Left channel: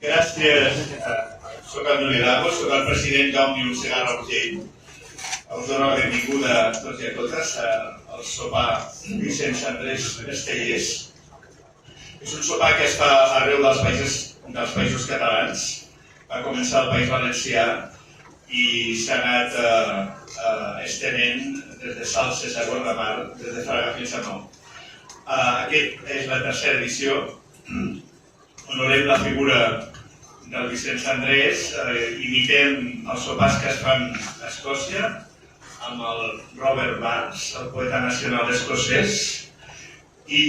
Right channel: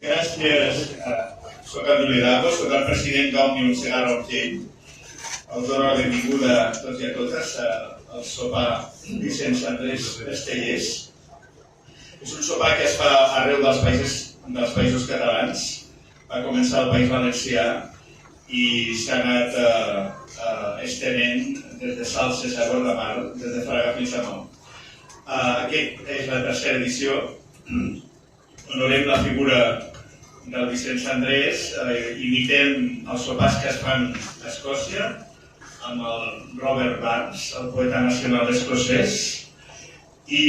Gràcies. Soc el Juli Lagos, soc el president d'Òmnium Segarra Urgell. Us dono la benvinguda a tots i a totes al sopar Vicenç Andrés Estellés. És un sopar que es fa arreu dels països catalans. Va començar al País Valencià i s'ha anat estenent des de Salses a Guardamar, des de Fraga fins a Nou. Aquesta és la tercera edició. Honorem la figura del Vicenç Andrés, imitem els sopars que es fan a Escòcia amb el Robert Burns, el poeta nacional escocès, i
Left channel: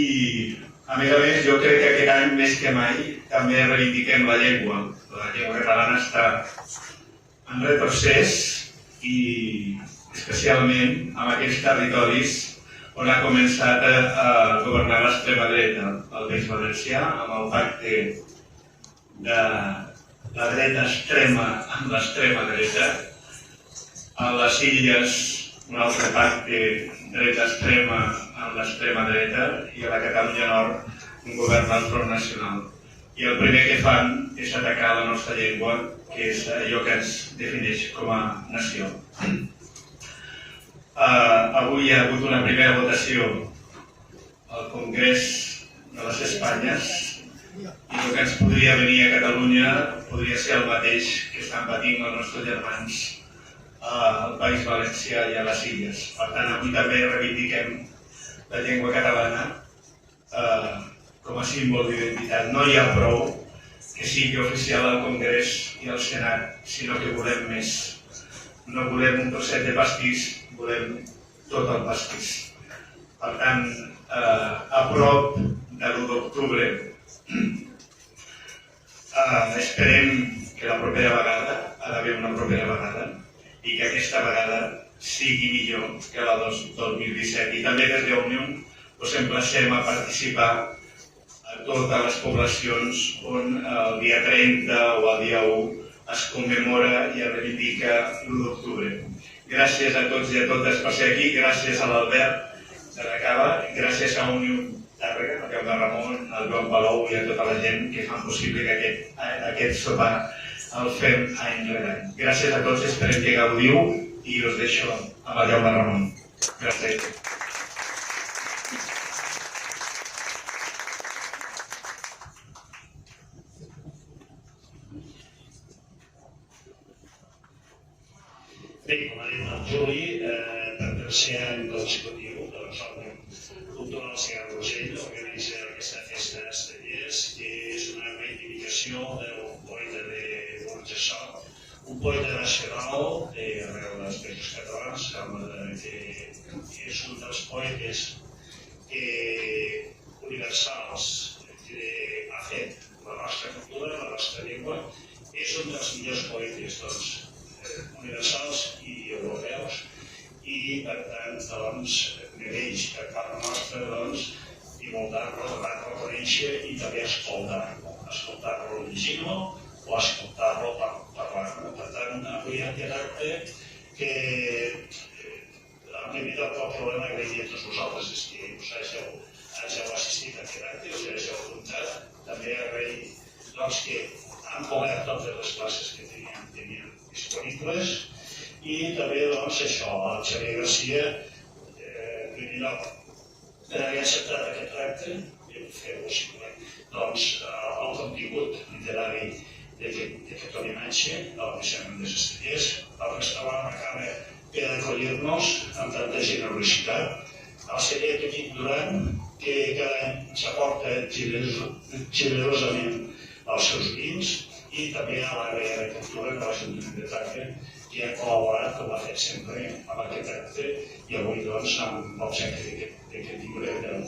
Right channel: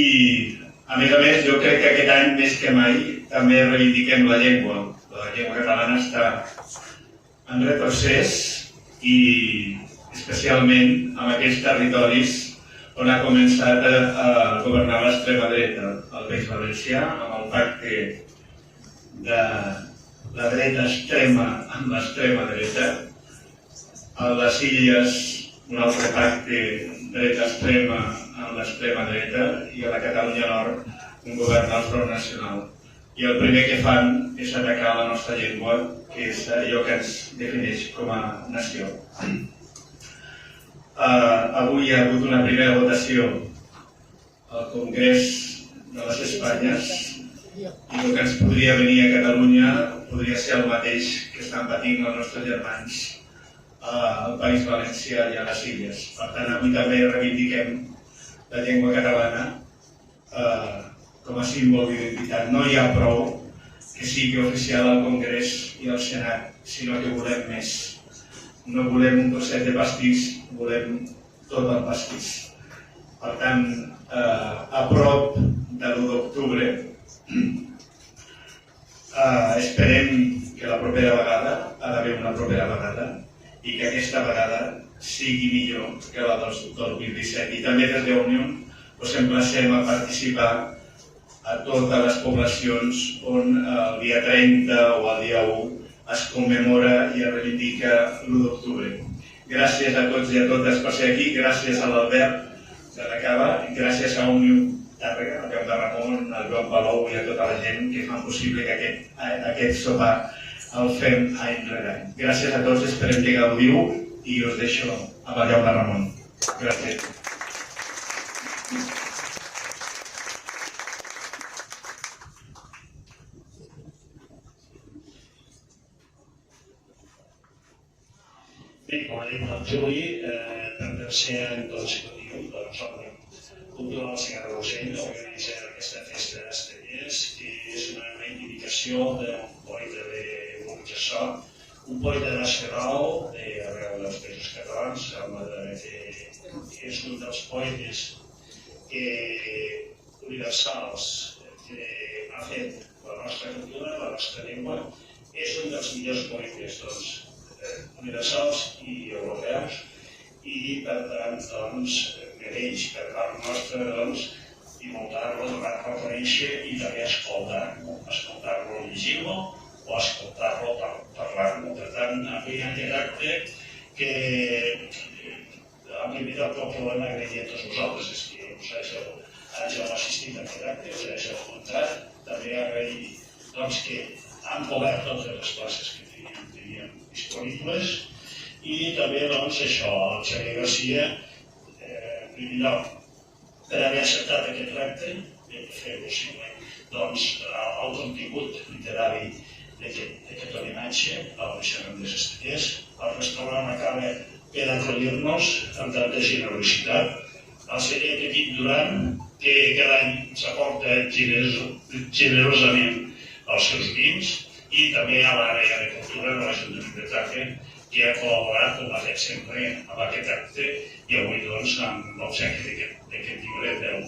a més, jo crec que aquest any més que mai també reivindiquem la llengua. La llengua catalana està en retrocés i especialment en aquells territoris on ha començat a governar l'extrema dreta, el País Valencià, amb el pacte de la dreta extrema amb l'extrema dreta, a les Illes un altre pacte dreta extrema amb l'extrema dreta i a la Catalunya Nord un govern del Front Nacional. I el primer que fan és atacar la nostra llengua, que és allò que ens defineix com a nació. Avui hi ha hagut una primera votació al Congrés de les Espanyes i el que ens podria venir a Catalunya podria ser el mateix que estan patint els nostres germans al País Valencià i a les Illes. Per tant, avui també reivindiquem la llengua catalana com a símbol d'identitat. No hi ha prou que sigui oficial al Congrés i al Senat, sinó que volem més. No volem un trosset de pastís, volem tot el pastís. Per tant, a prop de l'1 d'octubre, esperem que la propera vegada, ha d'haver una propera vegada, i que aquesta vegada sigui millor que la del 2017. I també des d'Òmnium us emplacem a participar a totes les poblacions on el dia 30 o el dia 1 es commemora i es reivindica l'1 d'octubre. Gràcies a tots i a totes per ser aquí, gràcies a l'Albert de la Cava, gràcies a Òmnium Tàrrega, al Peu de Ramon, al Joan Palou i a tota la gent que fan possible que aquest sopar el fem any rere any. Gràcies a tots, esperem que gaudiu i us deixo amb el Jaume Ramon. Gràcies. Bé, com ha dit el Juli, per tercer any consecutiu, Òmnium Cultural Segarra Urgell organitza aquesta festa d'Estellers, que és una reivindicació d'un poeta de Burjassó, un poeta nacional arreu dels països catalans, que és un dels poetes universals que ha fet la nostra cultura, la nostra llengua. És un dels millors poetes universals i europeus i, per tant, mereix per part nostra divulgar-lo, donar-lo a conèixer i també escoltar-lo llegint-lo o escoltar-lo parlar-lo. Per tant, avui en aquest acte que en primer lloc el problema que veia a tots vosaltres és que us hàgiu assistit a aquest acte, us hàgiu apuntat, també agrair que han cobert totes les places que teníem disponibles i també això, el Xavier Garcia, en primer lloc, per haver acceptat aquest repte i fer possible el contingut literari d'aquest homenatge al Vicenç Andrés Estellés. El restaurant acaba per acollir-nos amb tanta generositat. El celler Petit Duran, que cada any ens aporta generosament els seus vins, i també a l'àrea de cultura de l'Ajuntament de Tàrrega, que ha col·laborat, com ha fet sempre, amb aquest acte i avui amb l'obsequi d'aquest llibre del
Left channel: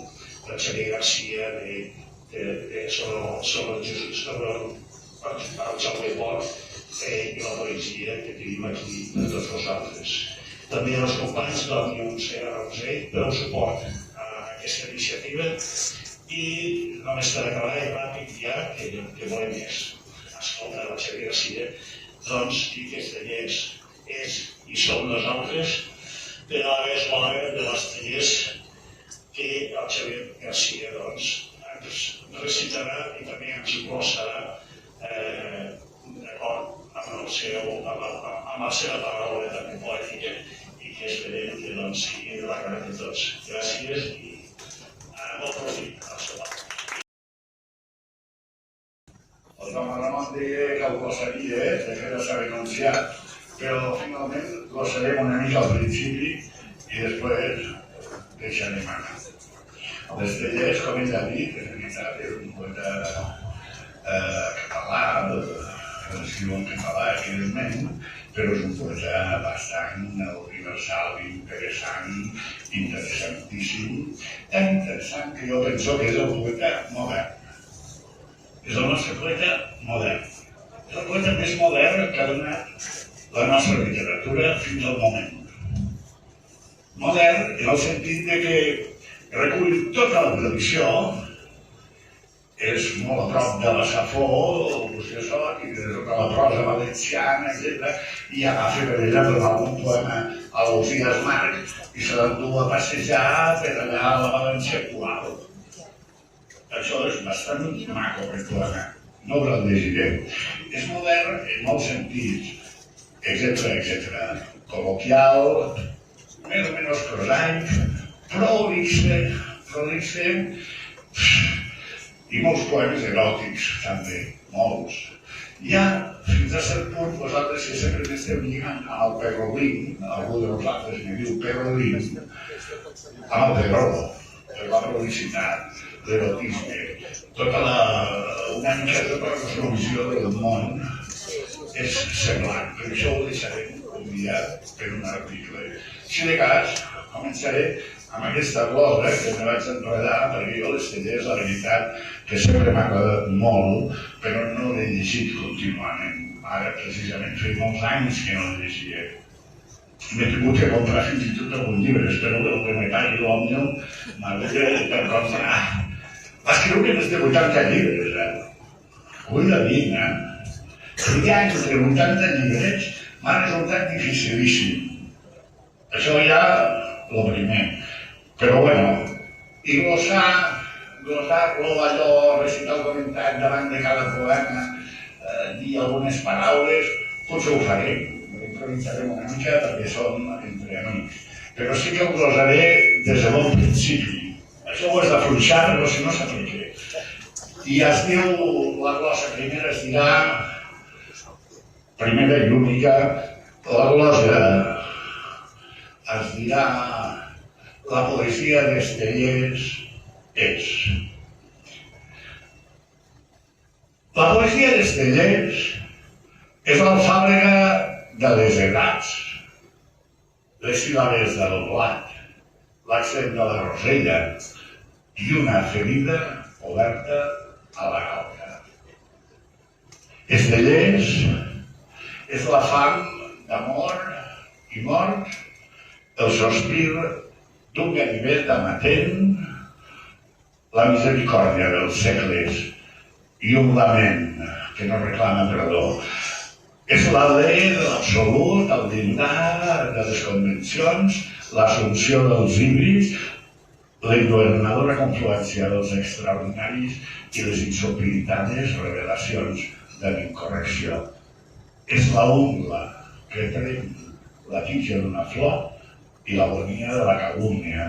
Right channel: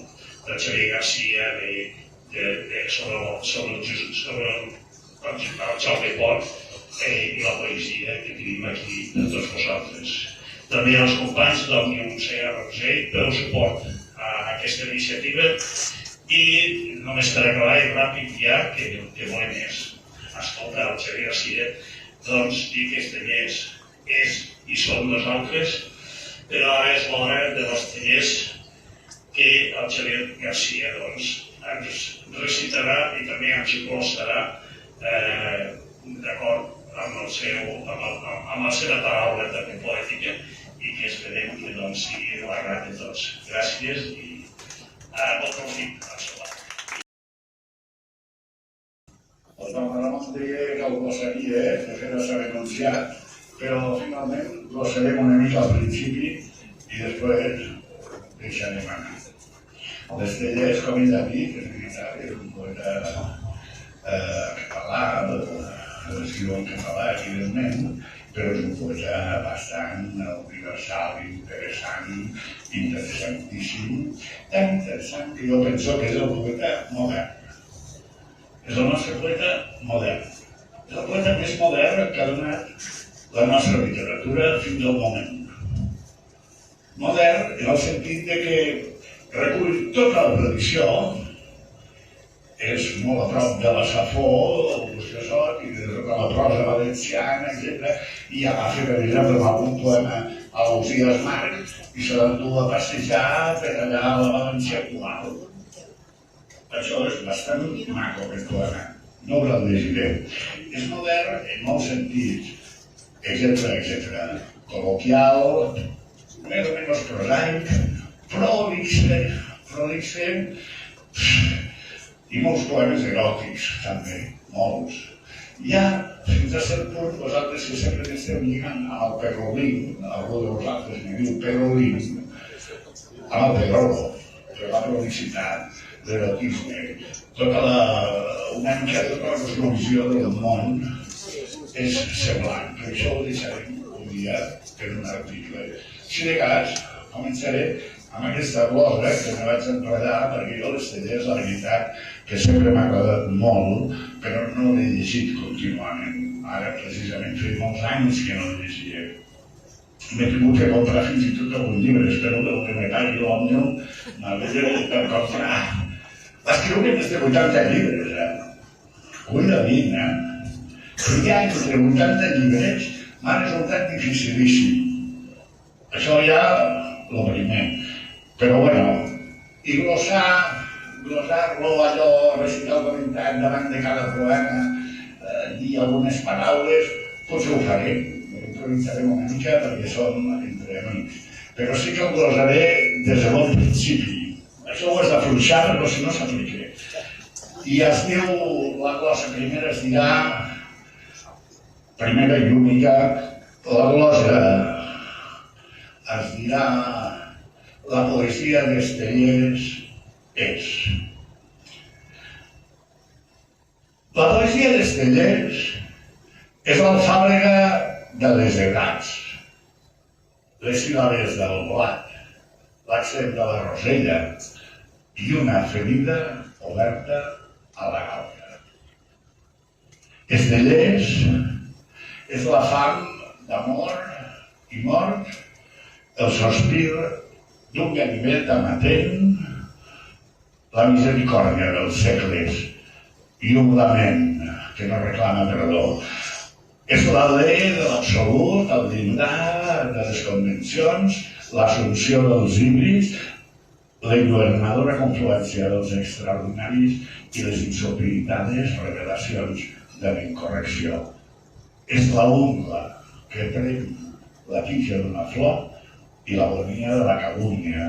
Xavier Garcia sobre el Jaume Pont i la poesia que tenim aquí de tots vosaltres. També als companys d'Òmnium Segarra Urgell per el suport a aquesta iniciativa i només per acabar i ràpid ja, que volem escoltar el Xavier Garcia, dir que Estellers és i som nosaltres, però és l'hora de l'Estellers que el Xavier Garcia ens recitarà i també ens glosarà d'acord amb la seva paraula també poètica i que esperem que sigui de l'agrat de tots. Gràcies i bon profit al sopar. El Jaume Ramon deia que el glossaria, de fet s'ha renunciat, però finalment glossarem una mica al principi i després deixarem anar. L'Estellés, com ell ha dit, és veritat, és un poeta català, escriu en català, evidentment, però és un poeta bastant universal, interessantíssim, tan interessant que jo penso que és el poeta modern. És el nostre poeta modern. És el poeta més modern que ha donat la nostra literatura fins al moment. Modern en el sentit que recull tota la tradició, és molt a prop de la Safo, el Luciosot i de tota la prosa valenciana, etc. I agafa, per exemple, algun poema a l'Ausias Marc i se l'endú a passejar per allà a la València actual. Això és bastant maco, aquest poema. No us el llegiré. És modern en molts sentits, etc. Col·loquial, més o menys prosaic, prolixe, i molts poemes eròtics, també, molts. Ja, fins a cert punt, vosaltres que sempre esteu lligant amb el perrolín, algú de vosaltres me diu perrolín, amb el perrolo, per la prolicitat, l'erotisme, una mica de la cosmovisió del món és semblant, però això ho deixarem un dia per un article. Si de cas, començaré amb aquesta glosa que me vaig enredar, perquè jo l'Estellés, la veritat, que sempre m'ha agradat molt, però no l'he llegit contínuament. Ara, precisament, feia molts anys que no l'he llegia. M'he tingut que comprar fins i tot algun llibre, espero que el que me pagui l'Òmnium m'hagués de comprar. Va escriure més de 80 llibres, Cuidadín, triar entre 80 llibres m'ha resultat dificilíssim. Això ja el primer. Però bueno, i glossar-lo allò, recitar el comentari davant de cada poema, dir algunes paraules, potser ho farem. Improvisarem una mica perquè som entre amics. Però sí que ho glossaré des de bon principi. Això ho has d'afluixar, però si no s'aplica. I es diu, la glossa primera es dirà, primera i única, la glossa es dirà la poesia d'Estellés és. La poesia d'Estellés és l'alfàbrega de les edats, les síl·labes del blat, l'accent de la rosella i una ferida oberta a la galta. Estellés és la fam d'amor i mort, el sospir d'un ganivet amatent, la misericòrdia dels segles i un lament que no reclama perdó. És la llei de l'absolut, el llindar de les convencions, l'assumpció dels híbrids, la ingovernadora confluència dels extraordinaris i les insopilitades revelacions de l'incorrecció. És la ungla que pren la tija d'una flor i l'agonia de la calúmnia.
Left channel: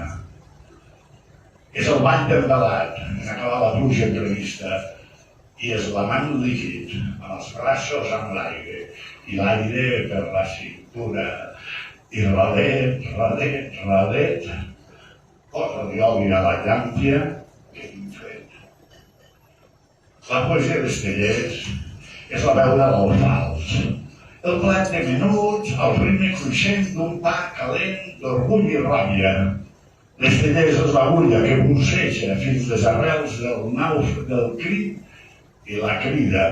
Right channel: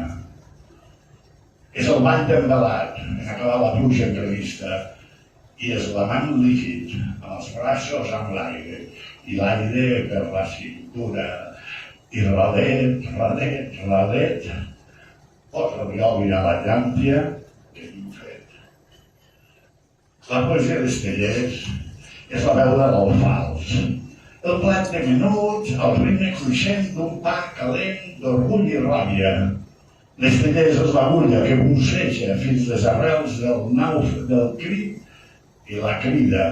És el bany d'embalat en acabar la pluja imprevista i és l'amant líquid amb els braços amb l'aire i l'aire per la cintura i radet, posa-li oli a la llàmpia que tinc fet. La poesia d'Estellés és la veu de l'alfals, el plat de menuts, el ritme cruixent d'un pa calent d'orgull i ràbia. L'Estellés és l'agulla que busseja fins les arrels del crit i la crida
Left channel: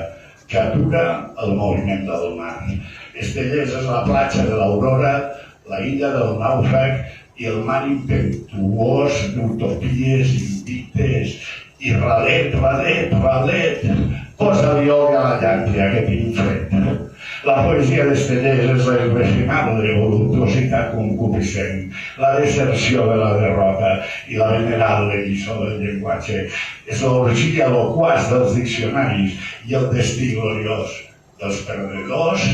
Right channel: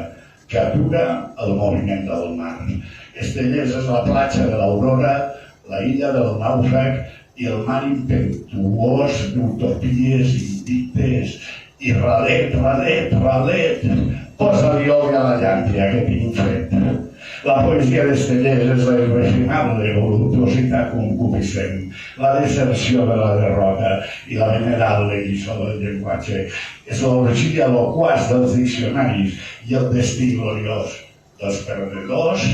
que atura el moviment del mar. Estellés és la platja de l'aurora, la illa del nàufrag i el mar impetuós d'utopies invictes i radet, posa-li oli a la llàmpia que tinc fet. La poesia d'Estellés és la irrefinable voluptuositat concupiscent, la deserció de la derrota i la venerable lliçó del llenguatge. És l'orgia loquaç dels diccionaris i el destí gloriós dels perdedors,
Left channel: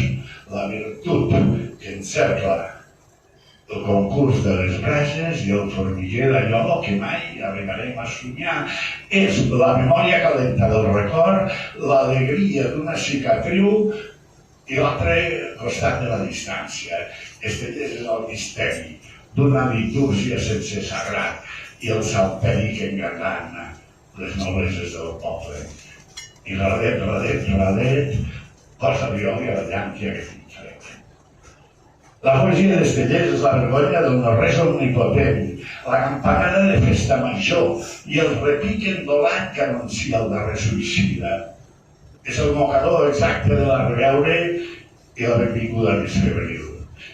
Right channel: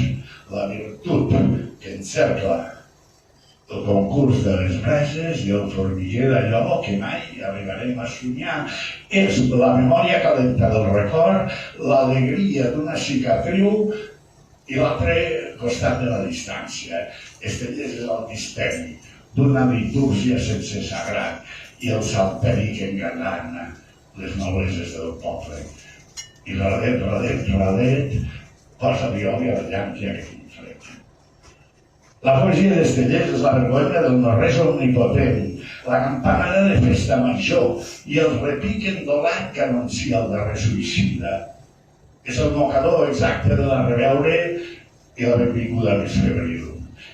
la virtut que encercla el concurs de les brases i el formiguer d'allò que mai arribarem a somiar. És la memòria calenta del record, l'alegria d'una cicatriu i l'altre costat de la distància. Estellés és el misteri d'una litúrgia sense sagrat i el salteri que engalana les noblesses del poble. I radet, posa violi a la llàntia que tinc fred. La poesia d'Estellés és la vergonya del no-res omnipotent, la campanada de festa major i el repic endolat que anuncia el darrer suïcida. És el mocador exacte de la reveure i la benvinguda més febril.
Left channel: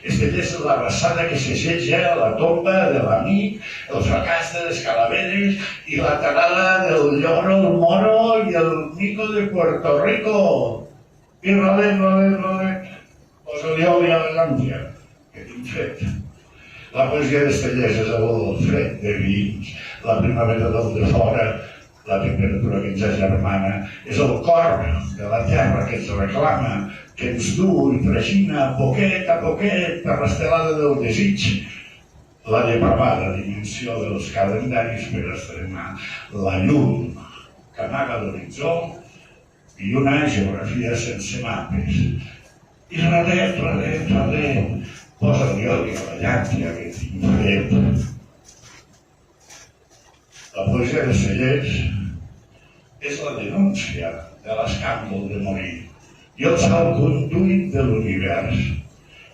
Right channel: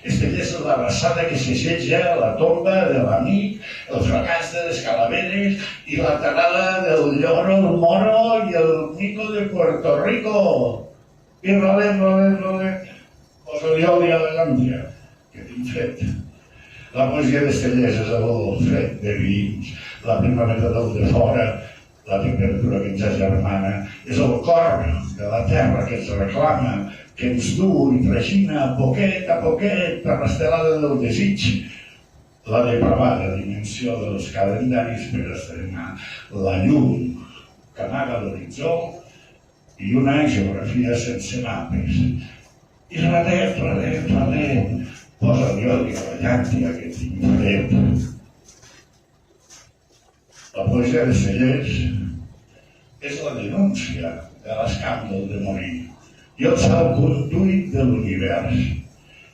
Estellés és la rassada que s'assetja la tomba de l'amic, el fracàs de les calaveres i la tarada del lloro, el moro i el mico de Puerto Rico. I radet, posa-li oli a la llàntia que tinc fred. La poesia d'Estellés és el fred de vins, la primavera del de fora, la temperatura que ens agermana, és el cor de la terra que ens reclama, que ens du i tragina poquet a poquet per l'estelada del desig, la depravada dimensió dels calendaris per estrenar la llum que amaga l'horitzó i una geografia sense mapes. I radet, posa-li oli a la llàntia que tinc fred. La poesia d'Estellés és la denúncia de l'escàndol de morir i el salconduit de l'univers.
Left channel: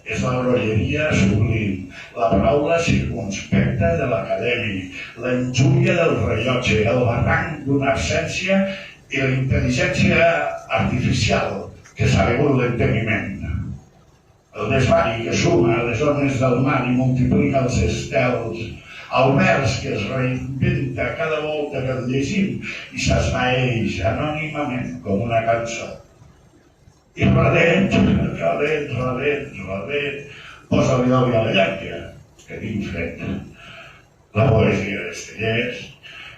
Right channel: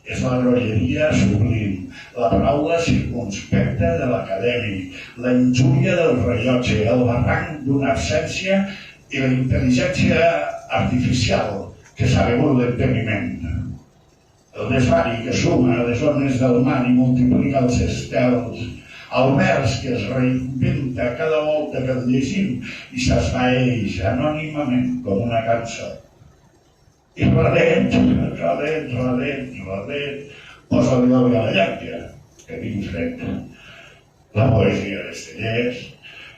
És la grolleria sublim, la paraula circunspecta de l'acadèmic, la injúria del rellotge, el barranc d'una absència i la intel·ligència artificial que s'ha begut l'enteniment. El desvari que suma a les ones del mar i multiplica els estels, el vers que es reinventa cada volta que el llegim i s'esvaeix anònimament com una cançó. I radet, posa-li oli a la llàntia, que tinc fred. La poesia d'Estellés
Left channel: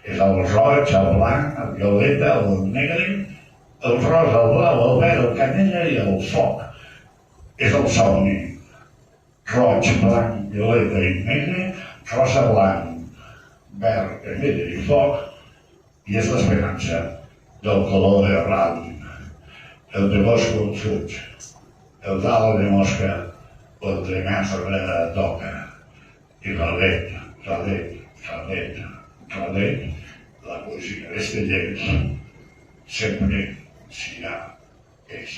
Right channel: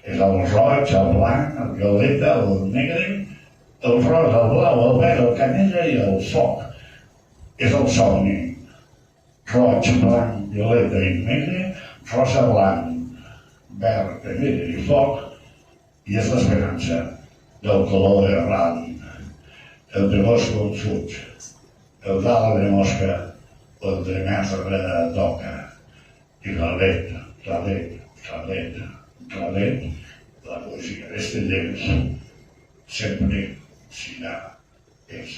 és el roig, el blanc, el violeta, el negre, el rosa, el blau, el verd, el canyella i el foc. És el somni. Roig, blanc, violeta i negre, rosa, blanc, verd, canyella i foc, i és l'esperança del color de ram, el de bosc on fuig, el d'ala de mosca o el de mestre de toca. I radet, la poesia d'Estellés sempre serà és.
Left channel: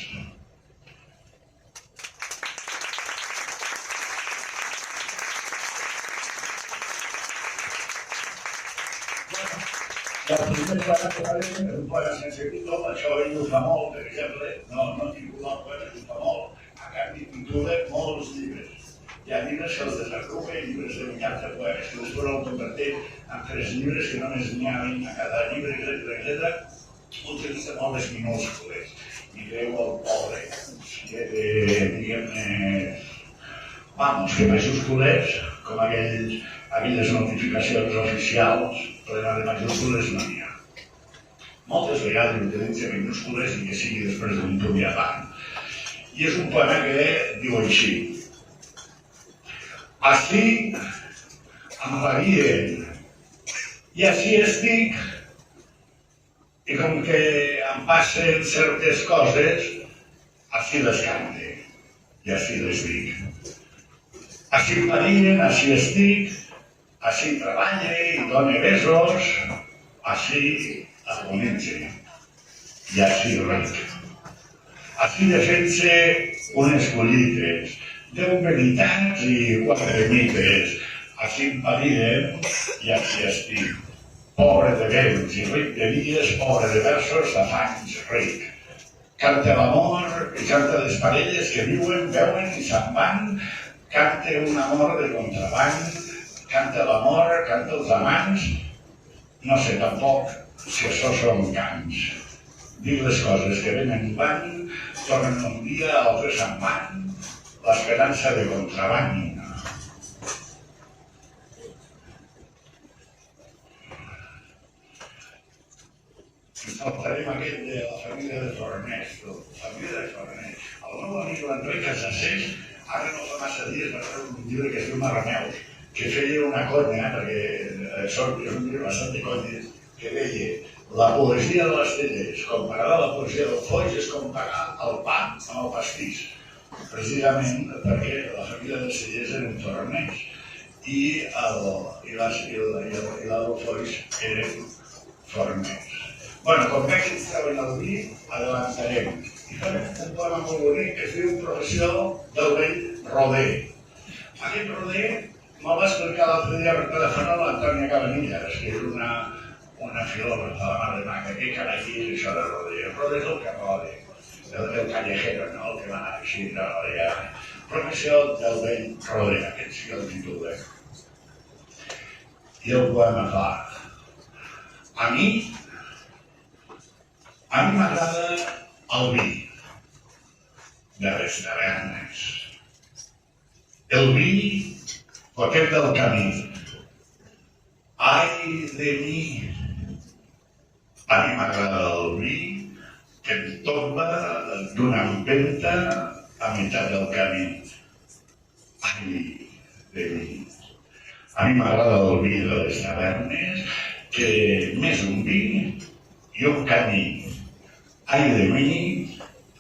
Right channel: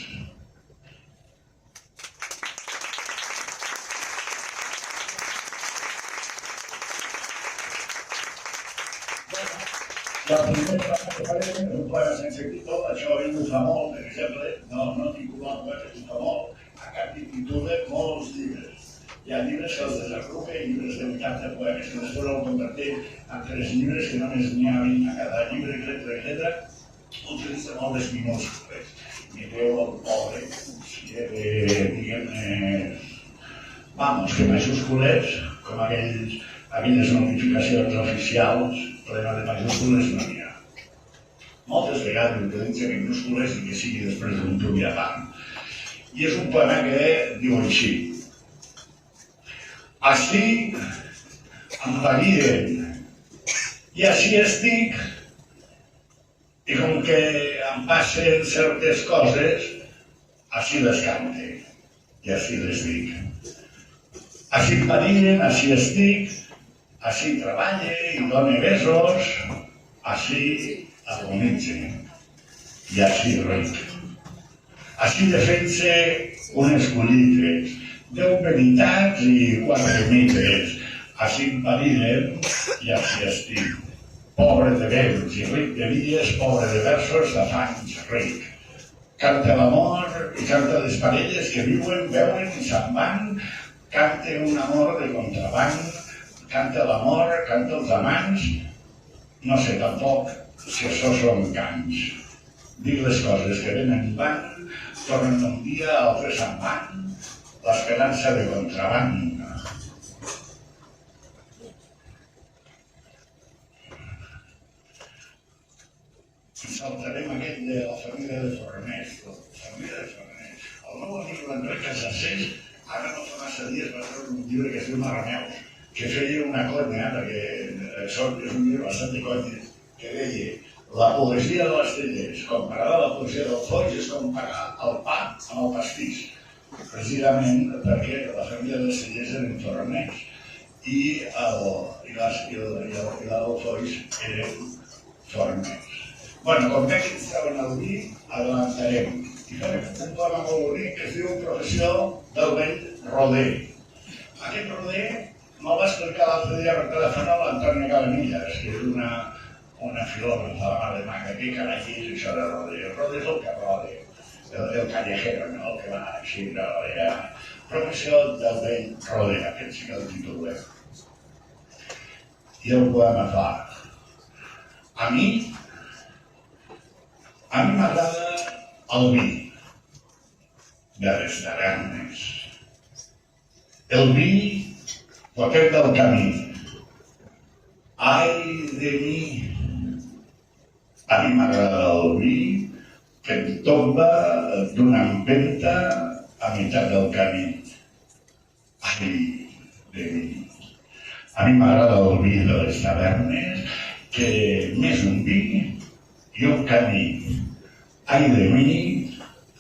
La primera vegada que farem un poema sense títol, això ell ho fa molt, per exemple, no titular poemes, ho fa molt, a canvi titula molts llibres. Hi ha llibres que els desagrupa, llibres de 80 poemes que després el converteix en 3 llibres que només n'hi ha 20 a cada llibre, etcètera, utilitza molt les minúscules. Mireu el pobre, diguem-ne, que majúscules, com aquelles notificacions oficials, plena de majúscules no n'hi ha. Moltes vegades utilitza minúscules i que sigui després d'un punt i avant. I és un poema que diu així: així em varien i així estic, i com que em passen certes coses, així les cante i així les dic. Així em varien, així estic, així treballa i dona besos, així agonitza i així ric. Així defensa unes collites, 10 veritats i 4 mites, així em pariden i així estic. Pobre de béns i ric de dies, pobre de versos, d'afanys ric. Canta l'amor i canta les parelles que viuen, veuen i se'n van, canta un amor de contraband, canta l'amor, canta els amants, no sé tampoc si això són cants. Dic les coses que venen van, tornen un dia, altres se'n van, l'esperança de contraband. Ens saltarem aquest de la família de Forners. La família de Forners. El meu amic l'Enric Casacés, ara no fa massa dies va treure un llibre que es diu Marraneus, que feia una conya, perquè és un llibre bastant de conyes, que deia la poesia de les Tellers, comparada a la poesia del Foix, és comparar el pa amb el pastís. Precisament perquè la família dels Tellers eren forners i la del Foix eren forners. Bueno, com veig que estaven al vi, adelantarem. I farem un poema molt bonic que es diu Professió del vell roder. Aquest roder me'l va explicar l'altre dia per telèfon a l'Antònia Cabanillas, que és una filògrafa de la mar de maca. Què carai és això de roder? El roder és el que rode, el callejero, no? El que va així de rodear. Professió del vell roder, aquest sí que el titula. I el poema fa: a mi m'agrada el vi de les tavernes, el vi potet del camí. Ai de mi! A mi m'agrada el vi que em tomba d'una empenta a meitat del camí. Ai de mi! A mi m'agrada el vi de les tavernes, que més un vi i un camí. Ai de mi,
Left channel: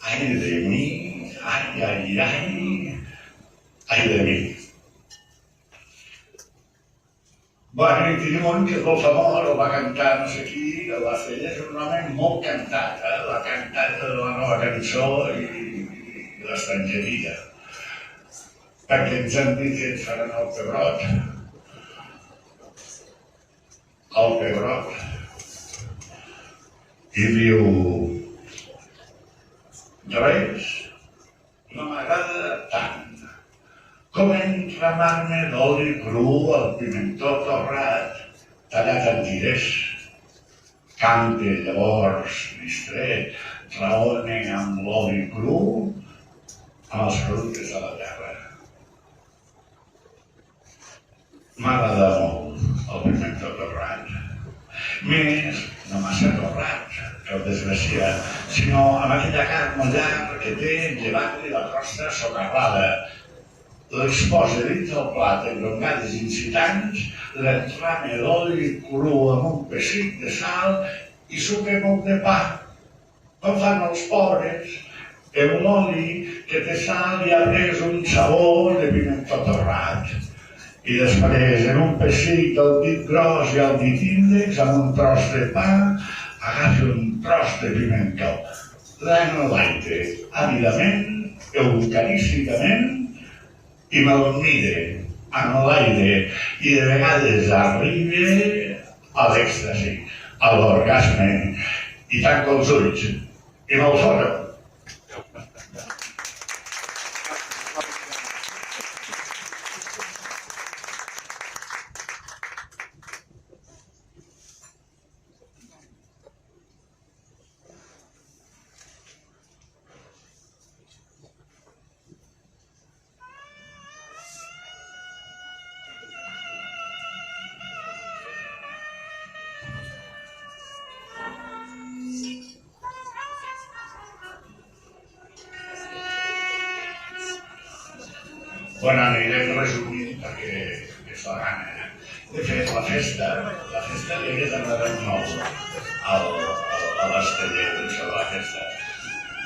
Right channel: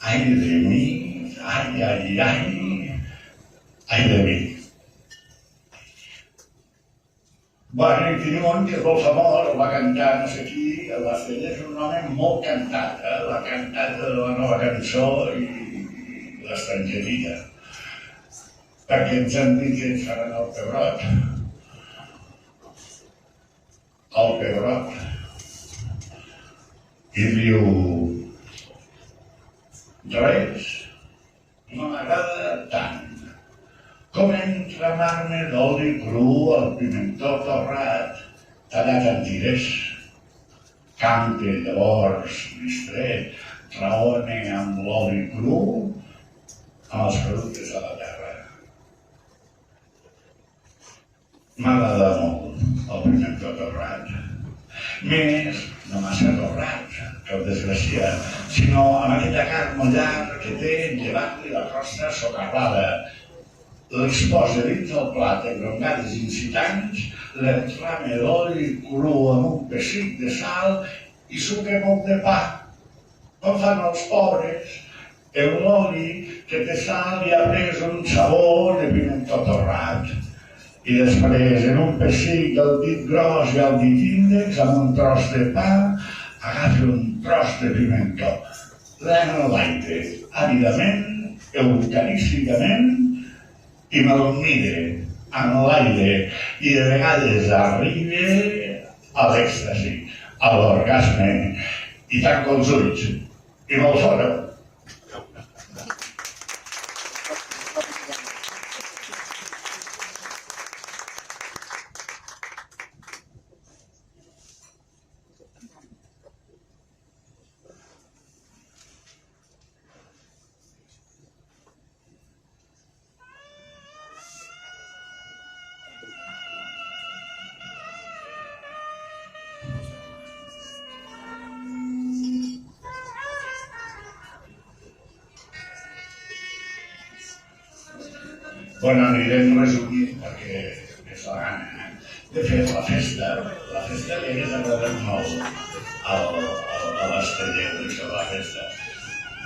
ai de mi, ai, ai, ai, ai de mi. Bueno, i diuen que és molt famós, el va cantar no sé qui, el va fer, és un home molt cantat, l'ha cantat de la nova cançó i l'estrangeria. Perquè ens han dit que ens faran el pebrot. El pebrot. I diu: res no m'agrada tant com enramar-me d'oli cru al pimentó torrat tallat en tires. Cante llavors distret, raone amb l'oli cru amb els productes de la terra. M'agrada molt el pimentó torrat. Més, no massa torrat, que el desgraciat, sinó amb aquella carn mullar que té llevant-li la crosta socarrada. L'exposa dins del plat amb grongades incitants, l'entrame d'oli cru amb un pessic de sal i suca molt de pa. Com fan els pobres, amb l'oli que té sal i ha pres un sabor de pimentó torrat. I després, en un pessic del dit gros i el dit índex, amb un tros de pa, agafi un tros de pimentó. L'enlaite, àvidament, eucarísticament, i me'l mire en l'aire, i de vegades arriba a l'èxtasi, a l'orgasme, i tanco els ulls, i me'l fora. Bueno, anirem resumint perquè és la gana. De fet, la festa li hagués agradat molt a l'Esteller, això de la festa.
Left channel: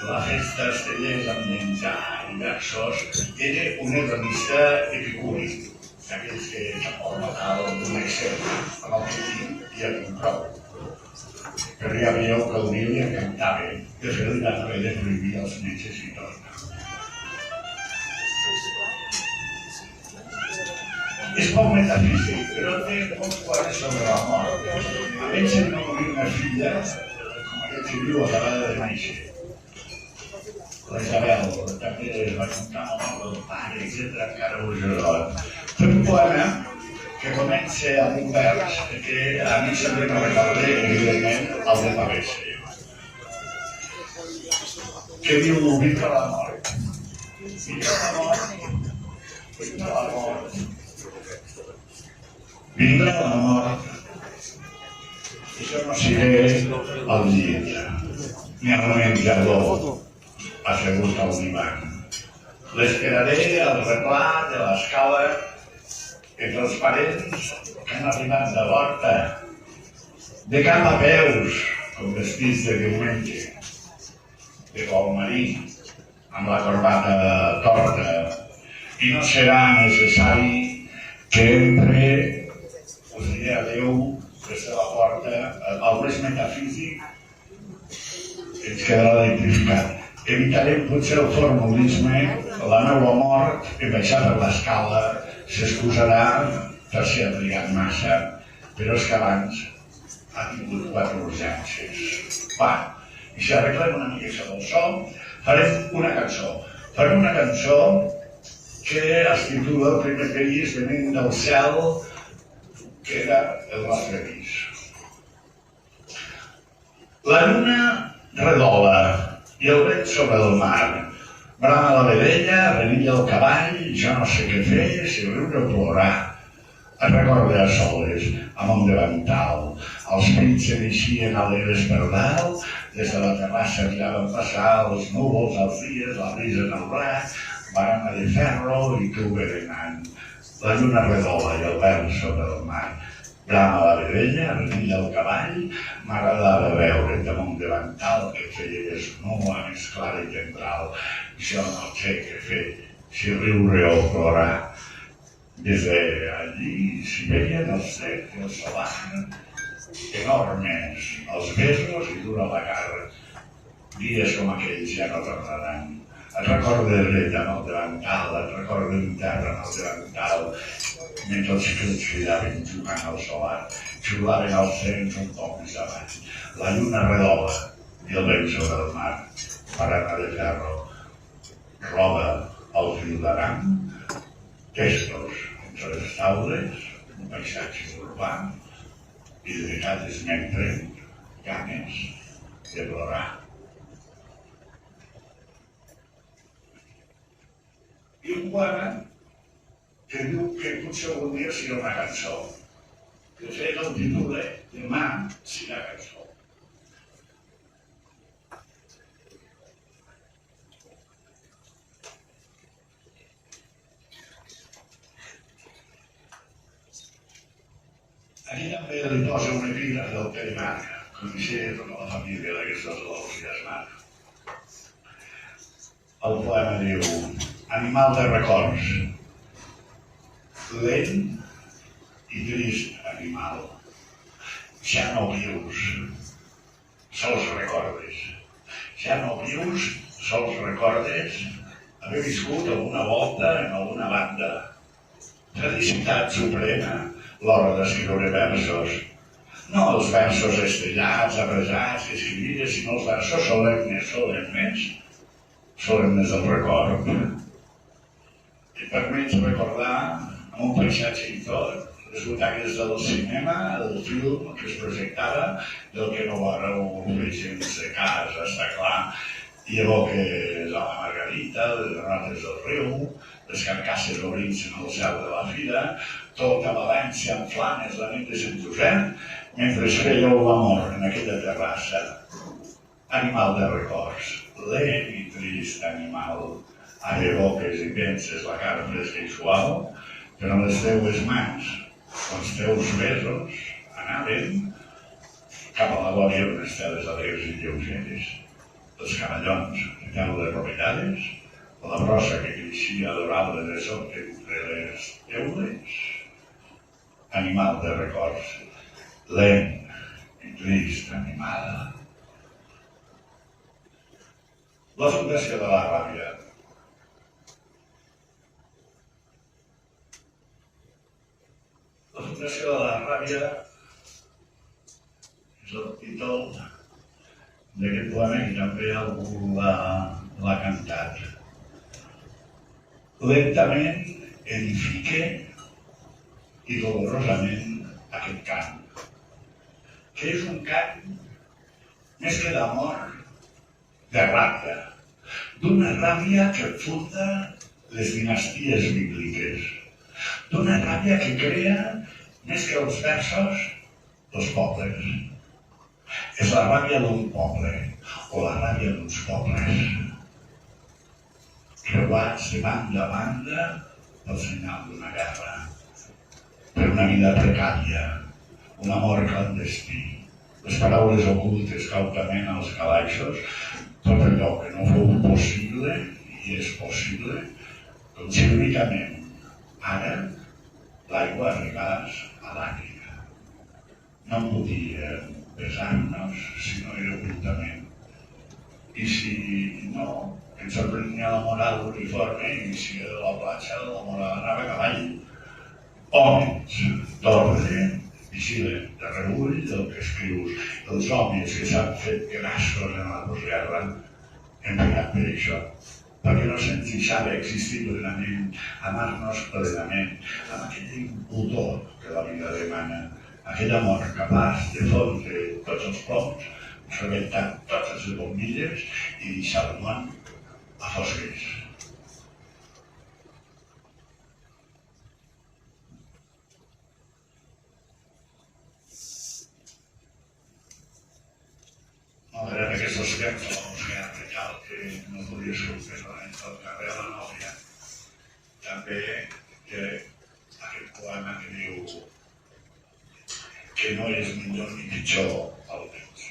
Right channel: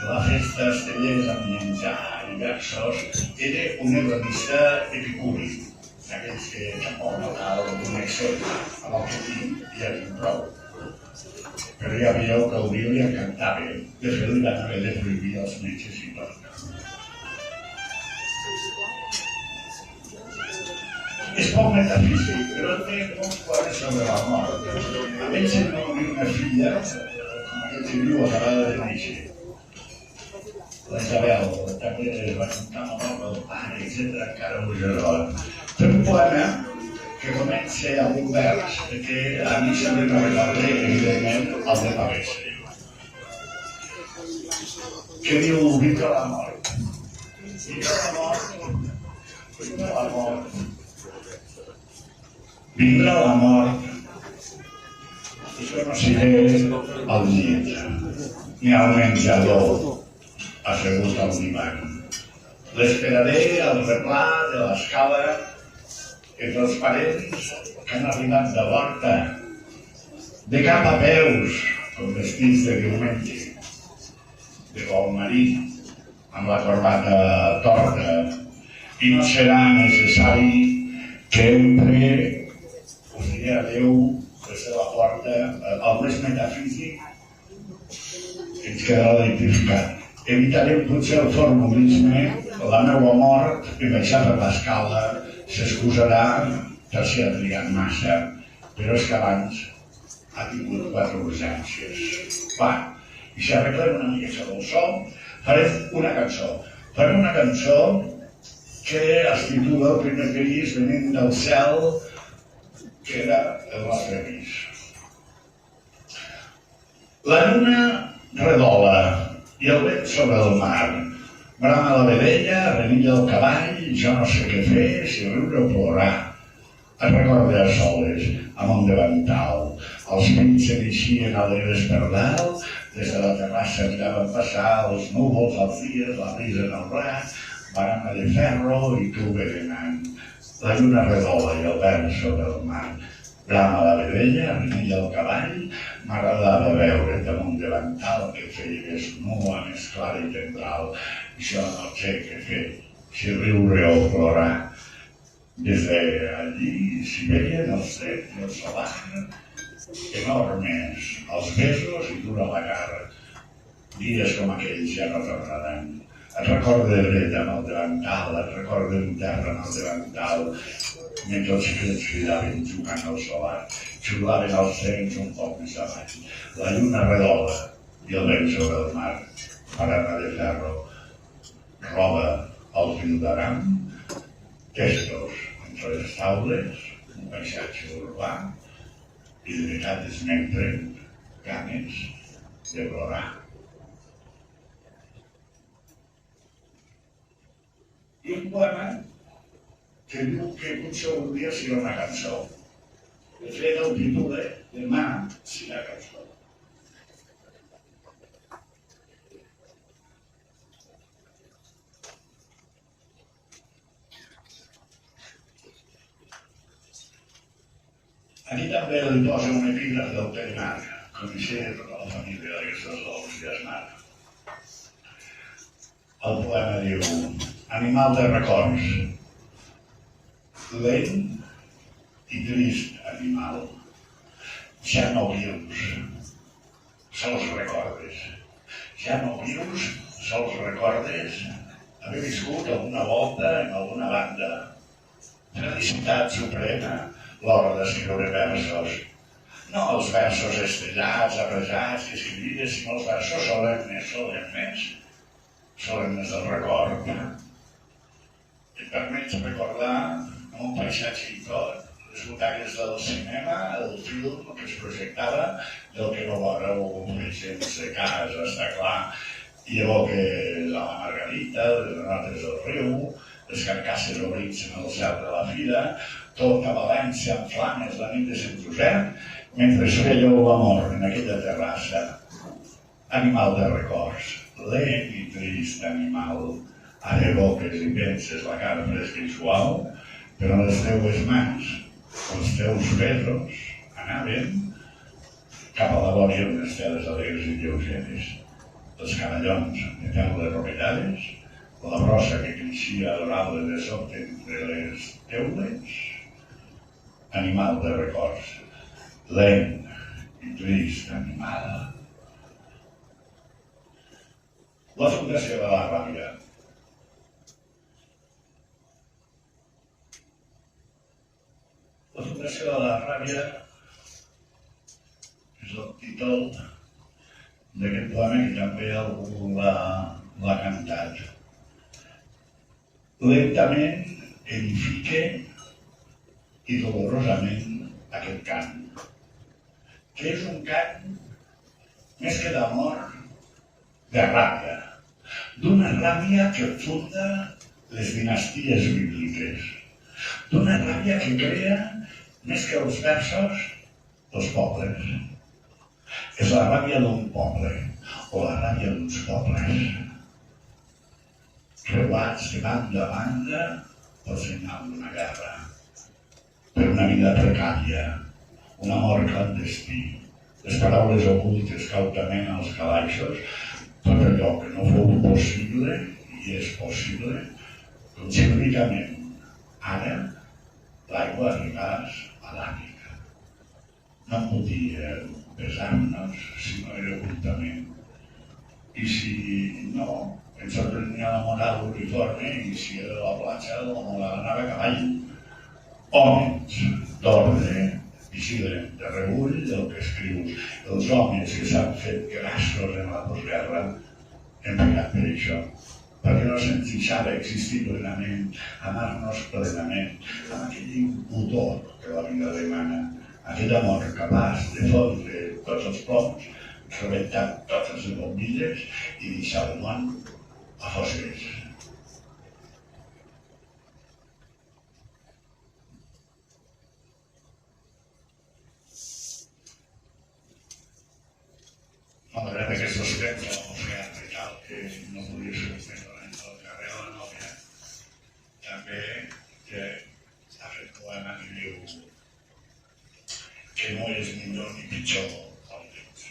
La festa Estellers amb menjar i versos era un hedonista epicúric, d'aquells que tampoc no cal un excel amb el que tinc i en prou. Però ja veieu que el vi li encantava. De fet, li van haver de prohibir els metges i tot. És poc metafísic, però té molts poemes sobre la mort. A ell se'n va morir una filla, com aquest que viu acabada de néixer. La Isabel també es va contar la mort del pare, etc. Encara ho és. Té un poema que comença amb un vers que a mi sempre me recorda, evidentment, el de Pavese. que diu vinga la mort. Vinga la mort. Vinga la mort. Vinga la mort. Jo no seré al llit, ni al menjador, assegut al divan. L'esperaré al replà de l'escala entre els parents que han arribat de volta, de cap a peus, com vestits de diumenge, de vol marí, amb la corbata torta, i no serà necessari que entre, us diré adéu des de la porta, el més metafísic ens quedarà identificat. Evitarem potser el formulisme, la meva mort, i baixar per l'escala, s'excusarà per si ha trigat massa, però és que abans ha tingut 4 urgències. Va, i si arreglem una mica del so, farem una cançó. Farem una cançó que es titula El primer país venint del cel, que era el nostre pis. La lluna redola i el vent sobre el mar. Brama la vedella, renilla el cavall, jo no sé què fer, si riure o plorar. Es recorda a soles, amb un davantal. Els fills s'eneixien alegres per dalt, des de la terrassa miraven passar els núvols, els dies, la brisa en el braç, barana de ferro i tu berenant. La lluna redola i el vent sobre el mar. Brama la vedella, renilla el cavall, m'agradava veure damunt davantal que feia més nua, més clara i tendral. Jo no sé què fer, si riure o plorar. Des d'allí s'hi veien els trets i el solar, enormes, els besos i dura la cara. Dies com aquells ja no tornaran. Et recordo de dret amb el davantal, et recordo en terra amb el davantal, mentre els fills cridaven jugant al solar, xiulaven els trens un poc més avall. La lluna redola i el vent sobre el mar, barana de ferro, roba al fil d'aram, testos entre les taules, un paisatge urbà, i de vegades m'entren ganes de plorar. I un poema que diu que potser algun dia serà una cançó. De fet, el títol Demà serà cançó. Aquí també li posa un epígraf del Pere Marc, coneixia tota la família d'aquestes dos i Esmar. El poema diu: Animal de records, lent i trist animal, ja no vius, sols recordes. Ja no vius, sols recordes haver viscut alguna volta en alguna banda. Felicitat suprema, l'hora d'escriure versos. No els versos estellats, abrasats i civils, sinó els versos solemnes del record. Et permets recordar, amb un paisatge i tot, les butaques del cinema, el film que es projectava, del que no veureu gens de casa, està clar, i evoques a la Margarita, les granotes del riu, les carcasses obrits en el cel de la fira, tota València en flames la nit de Sant Josep, mentre es fèieu l'amor en aquella terrassa. Animal de records, lent i trist animal. Ara evoques i penses la cara fresca i suau, però les teues mans, els teus besos, anaven cap a la glòria d'unes teles alegres i lleugeres. Els cavallons de teules rovellades, la brossa que creixia adorable de sota entre les teules, animal de records, lent i trist animal. La fundació de la ràbia. La fundació de la ràbia és el títol d'aquest poema que també algú l'ha cantat. Lentament edifique i dolorosament aquest cant, que és un cant més que d'amor, de ràbia, d'una ràbia que funda les dinasties bíbliques, d'una ràbia que crea, més que els versos, els pobles. És la ràbia d'un poble, o la ràbia d'uns pobles, creuats de banda a banda pel senyal d'una guerra, per una vida precària, un amor clandestí, les paraules ocultes cautament als calaixos, tot allò que no fou possible, i és possible, com si únicament ara l'aigua arribés a l'Àfrica. No podia pesar-nos si no era ocultament. I si no, ens sorprenia la moral uniforme i si era la platja la moral anava a cavall. Homes d'ordre, vigilen de rebull del que escrius. Els homes que s'han fet grassos en la postguerra hem pegat per això, perquè no se'ns deixava existir plenament, amar-nos plenament, amb aquell impudor que la vida demana, aquell amor capaç de fondre tots els ploms, rebentar totes les bombilles i deixar el món a fosques. Malgrat aquests temps de la música real que no podia ser un fenomen del carrer de la Nòvia, també que aquest poema que diu que no és millor ni pitjor el temps.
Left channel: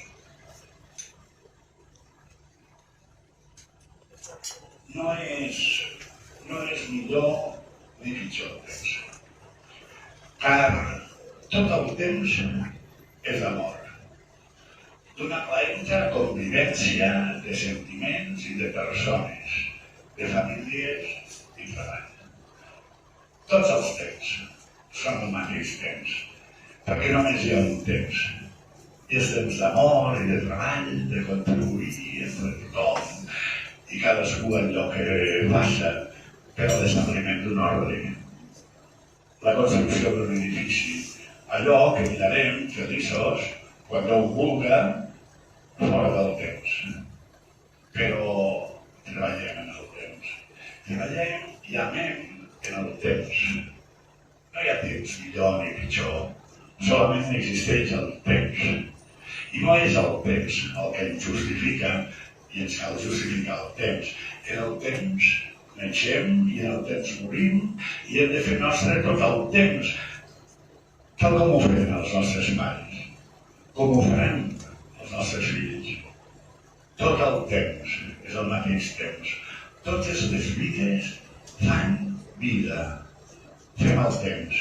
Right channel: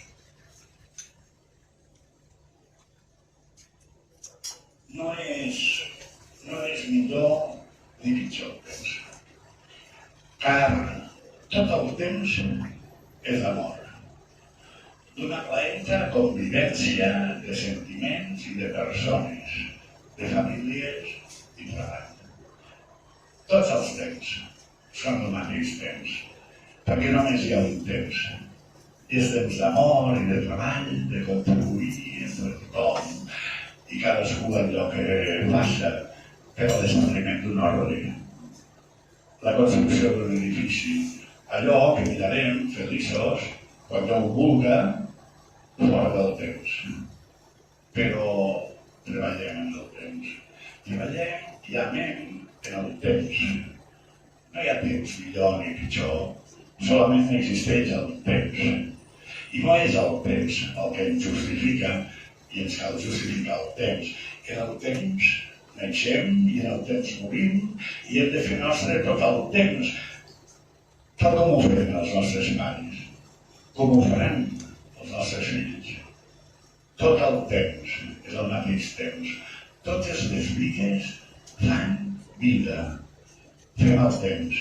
No és millor ni pitjor el temps, car tot el temps és amor, d'una plaenta convivència de sentiments i de persones, de famílies i treball. Tots els temps són el mateix temps, perquè només hi ha un temps. I és temps d'amor i de treball, de contribuir entre tothom, i cadascú allò que passa per al desenvolupament d'un ordre. La construcció d'un edifici, allò que mirarem feliços quan Déu vulga, fora del temps. Però treballem en el temps. Treballem i amem en el temps. No hi ha temps millor ni pitjor, solament existeix el temps. I no és el temps el que ens justifica i ens cal justificar el temps. En el temps naixem i en el temps morim i hem de fer nostre tot el temps, tal com ho feien els nostres pares, com ho faran els nostres fills. Tot el temps és el mateix temps. Totes les vides fan vida. Fem el temps.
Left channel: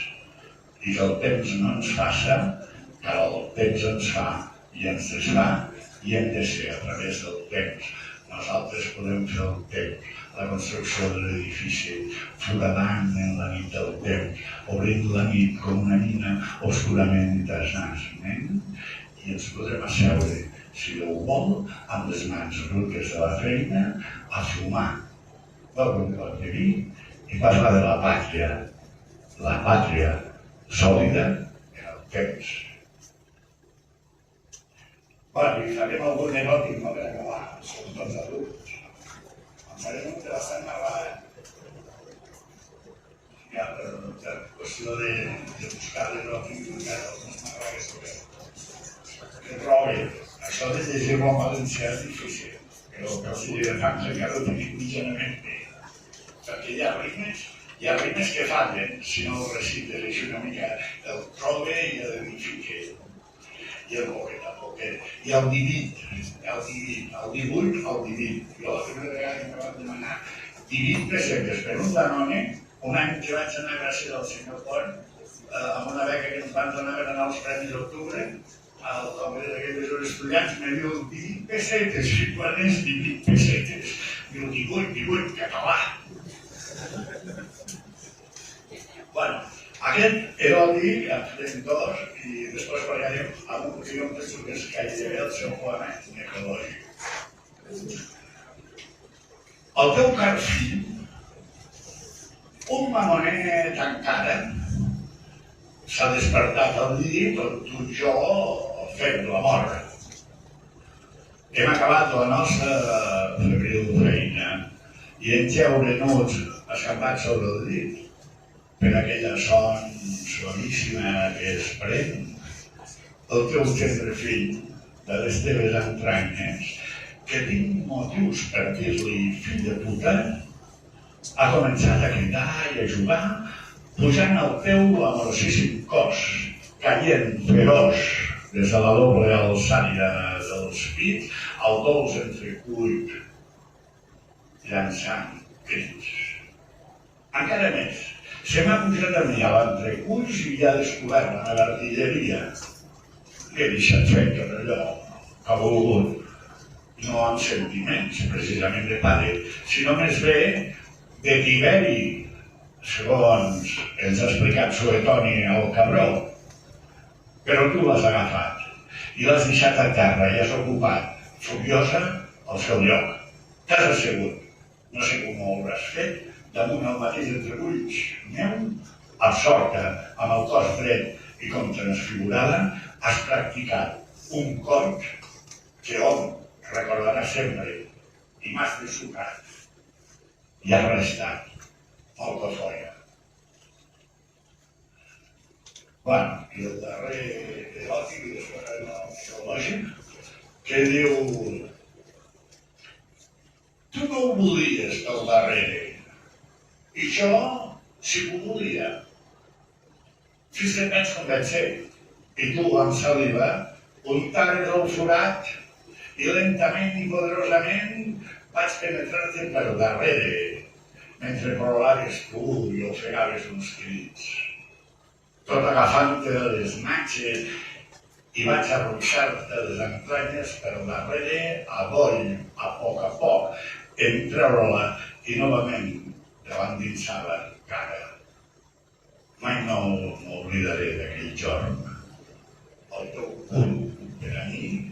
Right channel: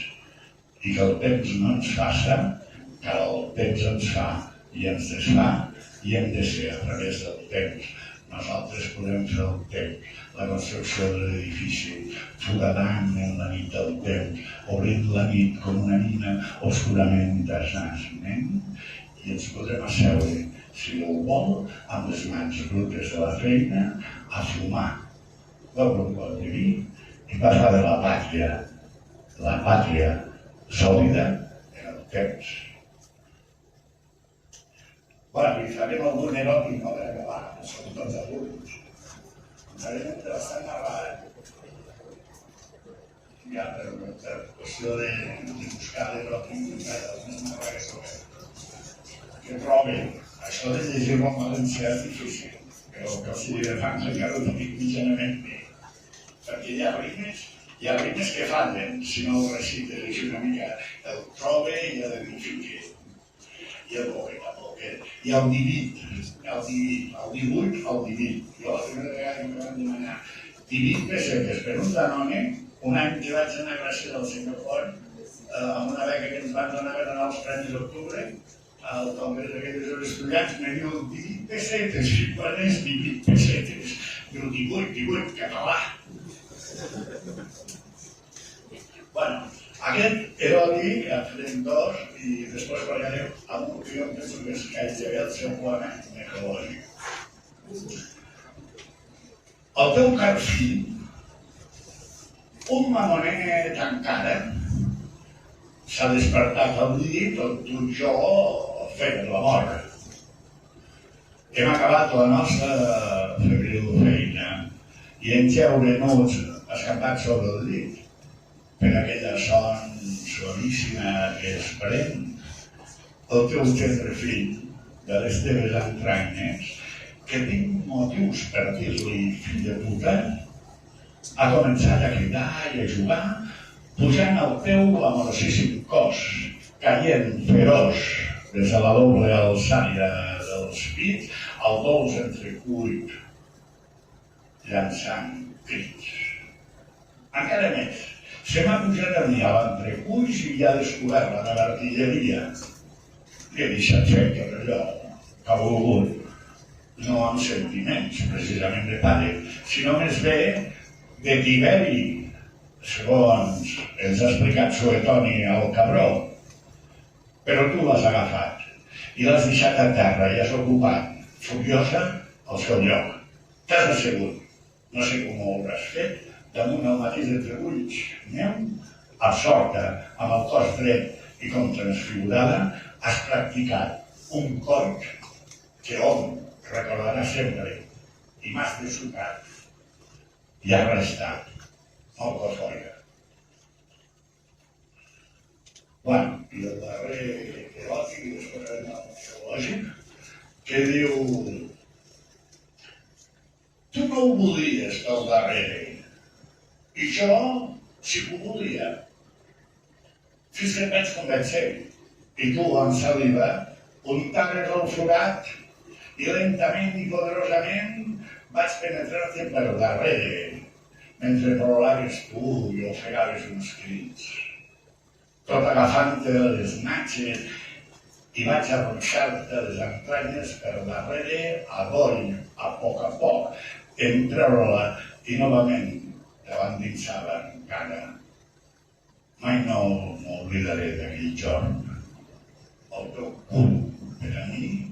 I que el temps no ens faça, que el temps ens fa i ens desfà, i hem de ser a través del temps. Nosaltres podem fer el temps, la construcció de l'edifici, foradant en la nit del temps, obrint la nit com una mina oscurament i tenaçment, i ens podrem asseure, si Déu vol, amb les mans brutes de la feina, a fumar del bon diví i parlar de la pàtria sòlida en el temps. Bueno, i farem algun eròtic, no, per acabar, som tots adults. En farem un bastant narrat. Ja, per qüestió de buscar l'eròtic, encara no és narrar que sobre que trobi. Això de llegir-lo en valencià és difícil, però que el sigui de fans encara ho tinc mitjanament bé. Perquè hi ha rimes que fallen, si no ho recites així una mica, el trobe i l'edifique, i el poquet, i el divuit, el divuit. Jo la primera vegada que em van demanar 18 pessetes per un Danone, un any que vaig anar gràcies al senyor Font, amb una beca que ens van donar per anar als Premis d'Octubre, al Congrés d'aquells estudiants, me diu 18 pessetes, i quan és 18 pessetes? Diu 18, català. Bueno, aquest eròtic, en farem dos, i després parlarem amb un que jo em penso que és gairebé el seu poema ecològic. El teu car fill, un mamonet encara, s'ha despertat al llit on tu i jo fem la mort. Hem acabat la nostra febril feina i en geure nuts escampats sobre el llit, per aquella son suavíssima que es pren, el teu tendre fill de les teves entranyes, que tinc motius per dir-li fill de puta, ha començat a cridar i a jugar, pujant al teu amorosíssim cos, caient feroç des de la doble alçària dels pits al dolç entrecuit, llançant crits. Encara més, se m'ha pujat a mi a l'entrecuix i ja ha descobert la meva artilleria. Li he deixat fer tot allò que ha volgut, no amb sentiments precisament de pare, sinó més bé de Tiberi, segons ens ha explicat Suetoni al Cabró. Però tu l'has agafat i l'has deixat a terra i has ocupat, furiosa, el seu lloc. T'has assegut, no sé com ho hauràs fet, damunt el mateix entreculls meu, absorta, amb el cos dret i com transfigurada, has practicat un corp que hom recordarà sempre i m'has dessucat i has restat molt cofoia. Bueno, i el darrer eròtic i després el psicològic, que diu: tu no ho volies pel darrere, i jo sí que ho volia. Fins que et vaig convèncer, i tu amb saliva untaves el forat i lentament i poderosament vaig penetrar-te per darrere, mentre plororaves tu i ofegaves uns crits. Tot agafant-te les natxes i vaig arruixar-te les entranyes per darrere, a doll, a poc, en treure-la i novament te l'endinsava encara. Mai no m'oblidaré d'aquell jorn. El teu cul per a mi,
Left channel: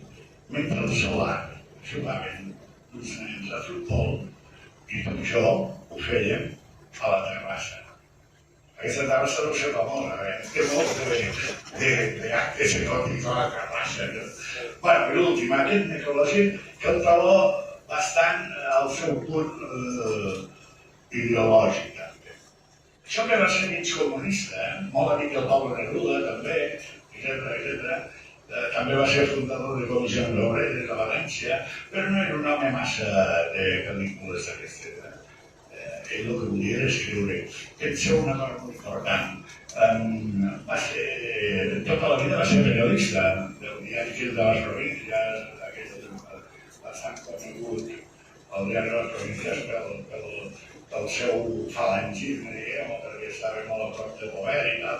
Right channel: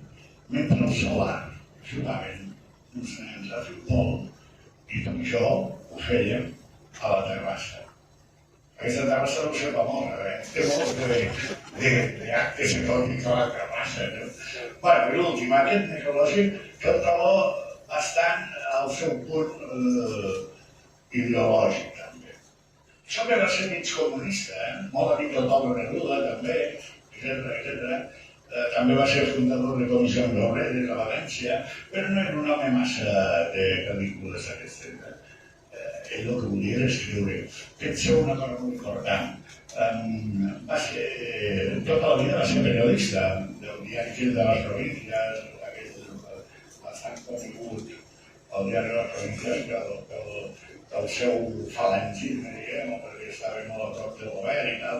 mentre el solar jugaven uns nens a futbol i tot això ho fèiem a la terrassa. Aquesta terrassa no sé famosa, té molt d'actes eròtics a la terrassa. Bueno, i l'últim, aquest necrològic, que el trobo bastant al seu punt ideològic, també. Això que va ser mig comunista, molt amic del Pablo Neruda, també, etc. També va ser fundador de Comissions Obreres a València, però no era un home massa de pel·lícules d'aquestes. Ell el que volia era escriure. Penseu una cosa molt important. Tota la vida va ser periodista del diari Fil de les Províncies, aquell bastant conegut, el diari de les Províncies, pel seu falangisme, diguem, perquè estava molt a prop del govern i tal,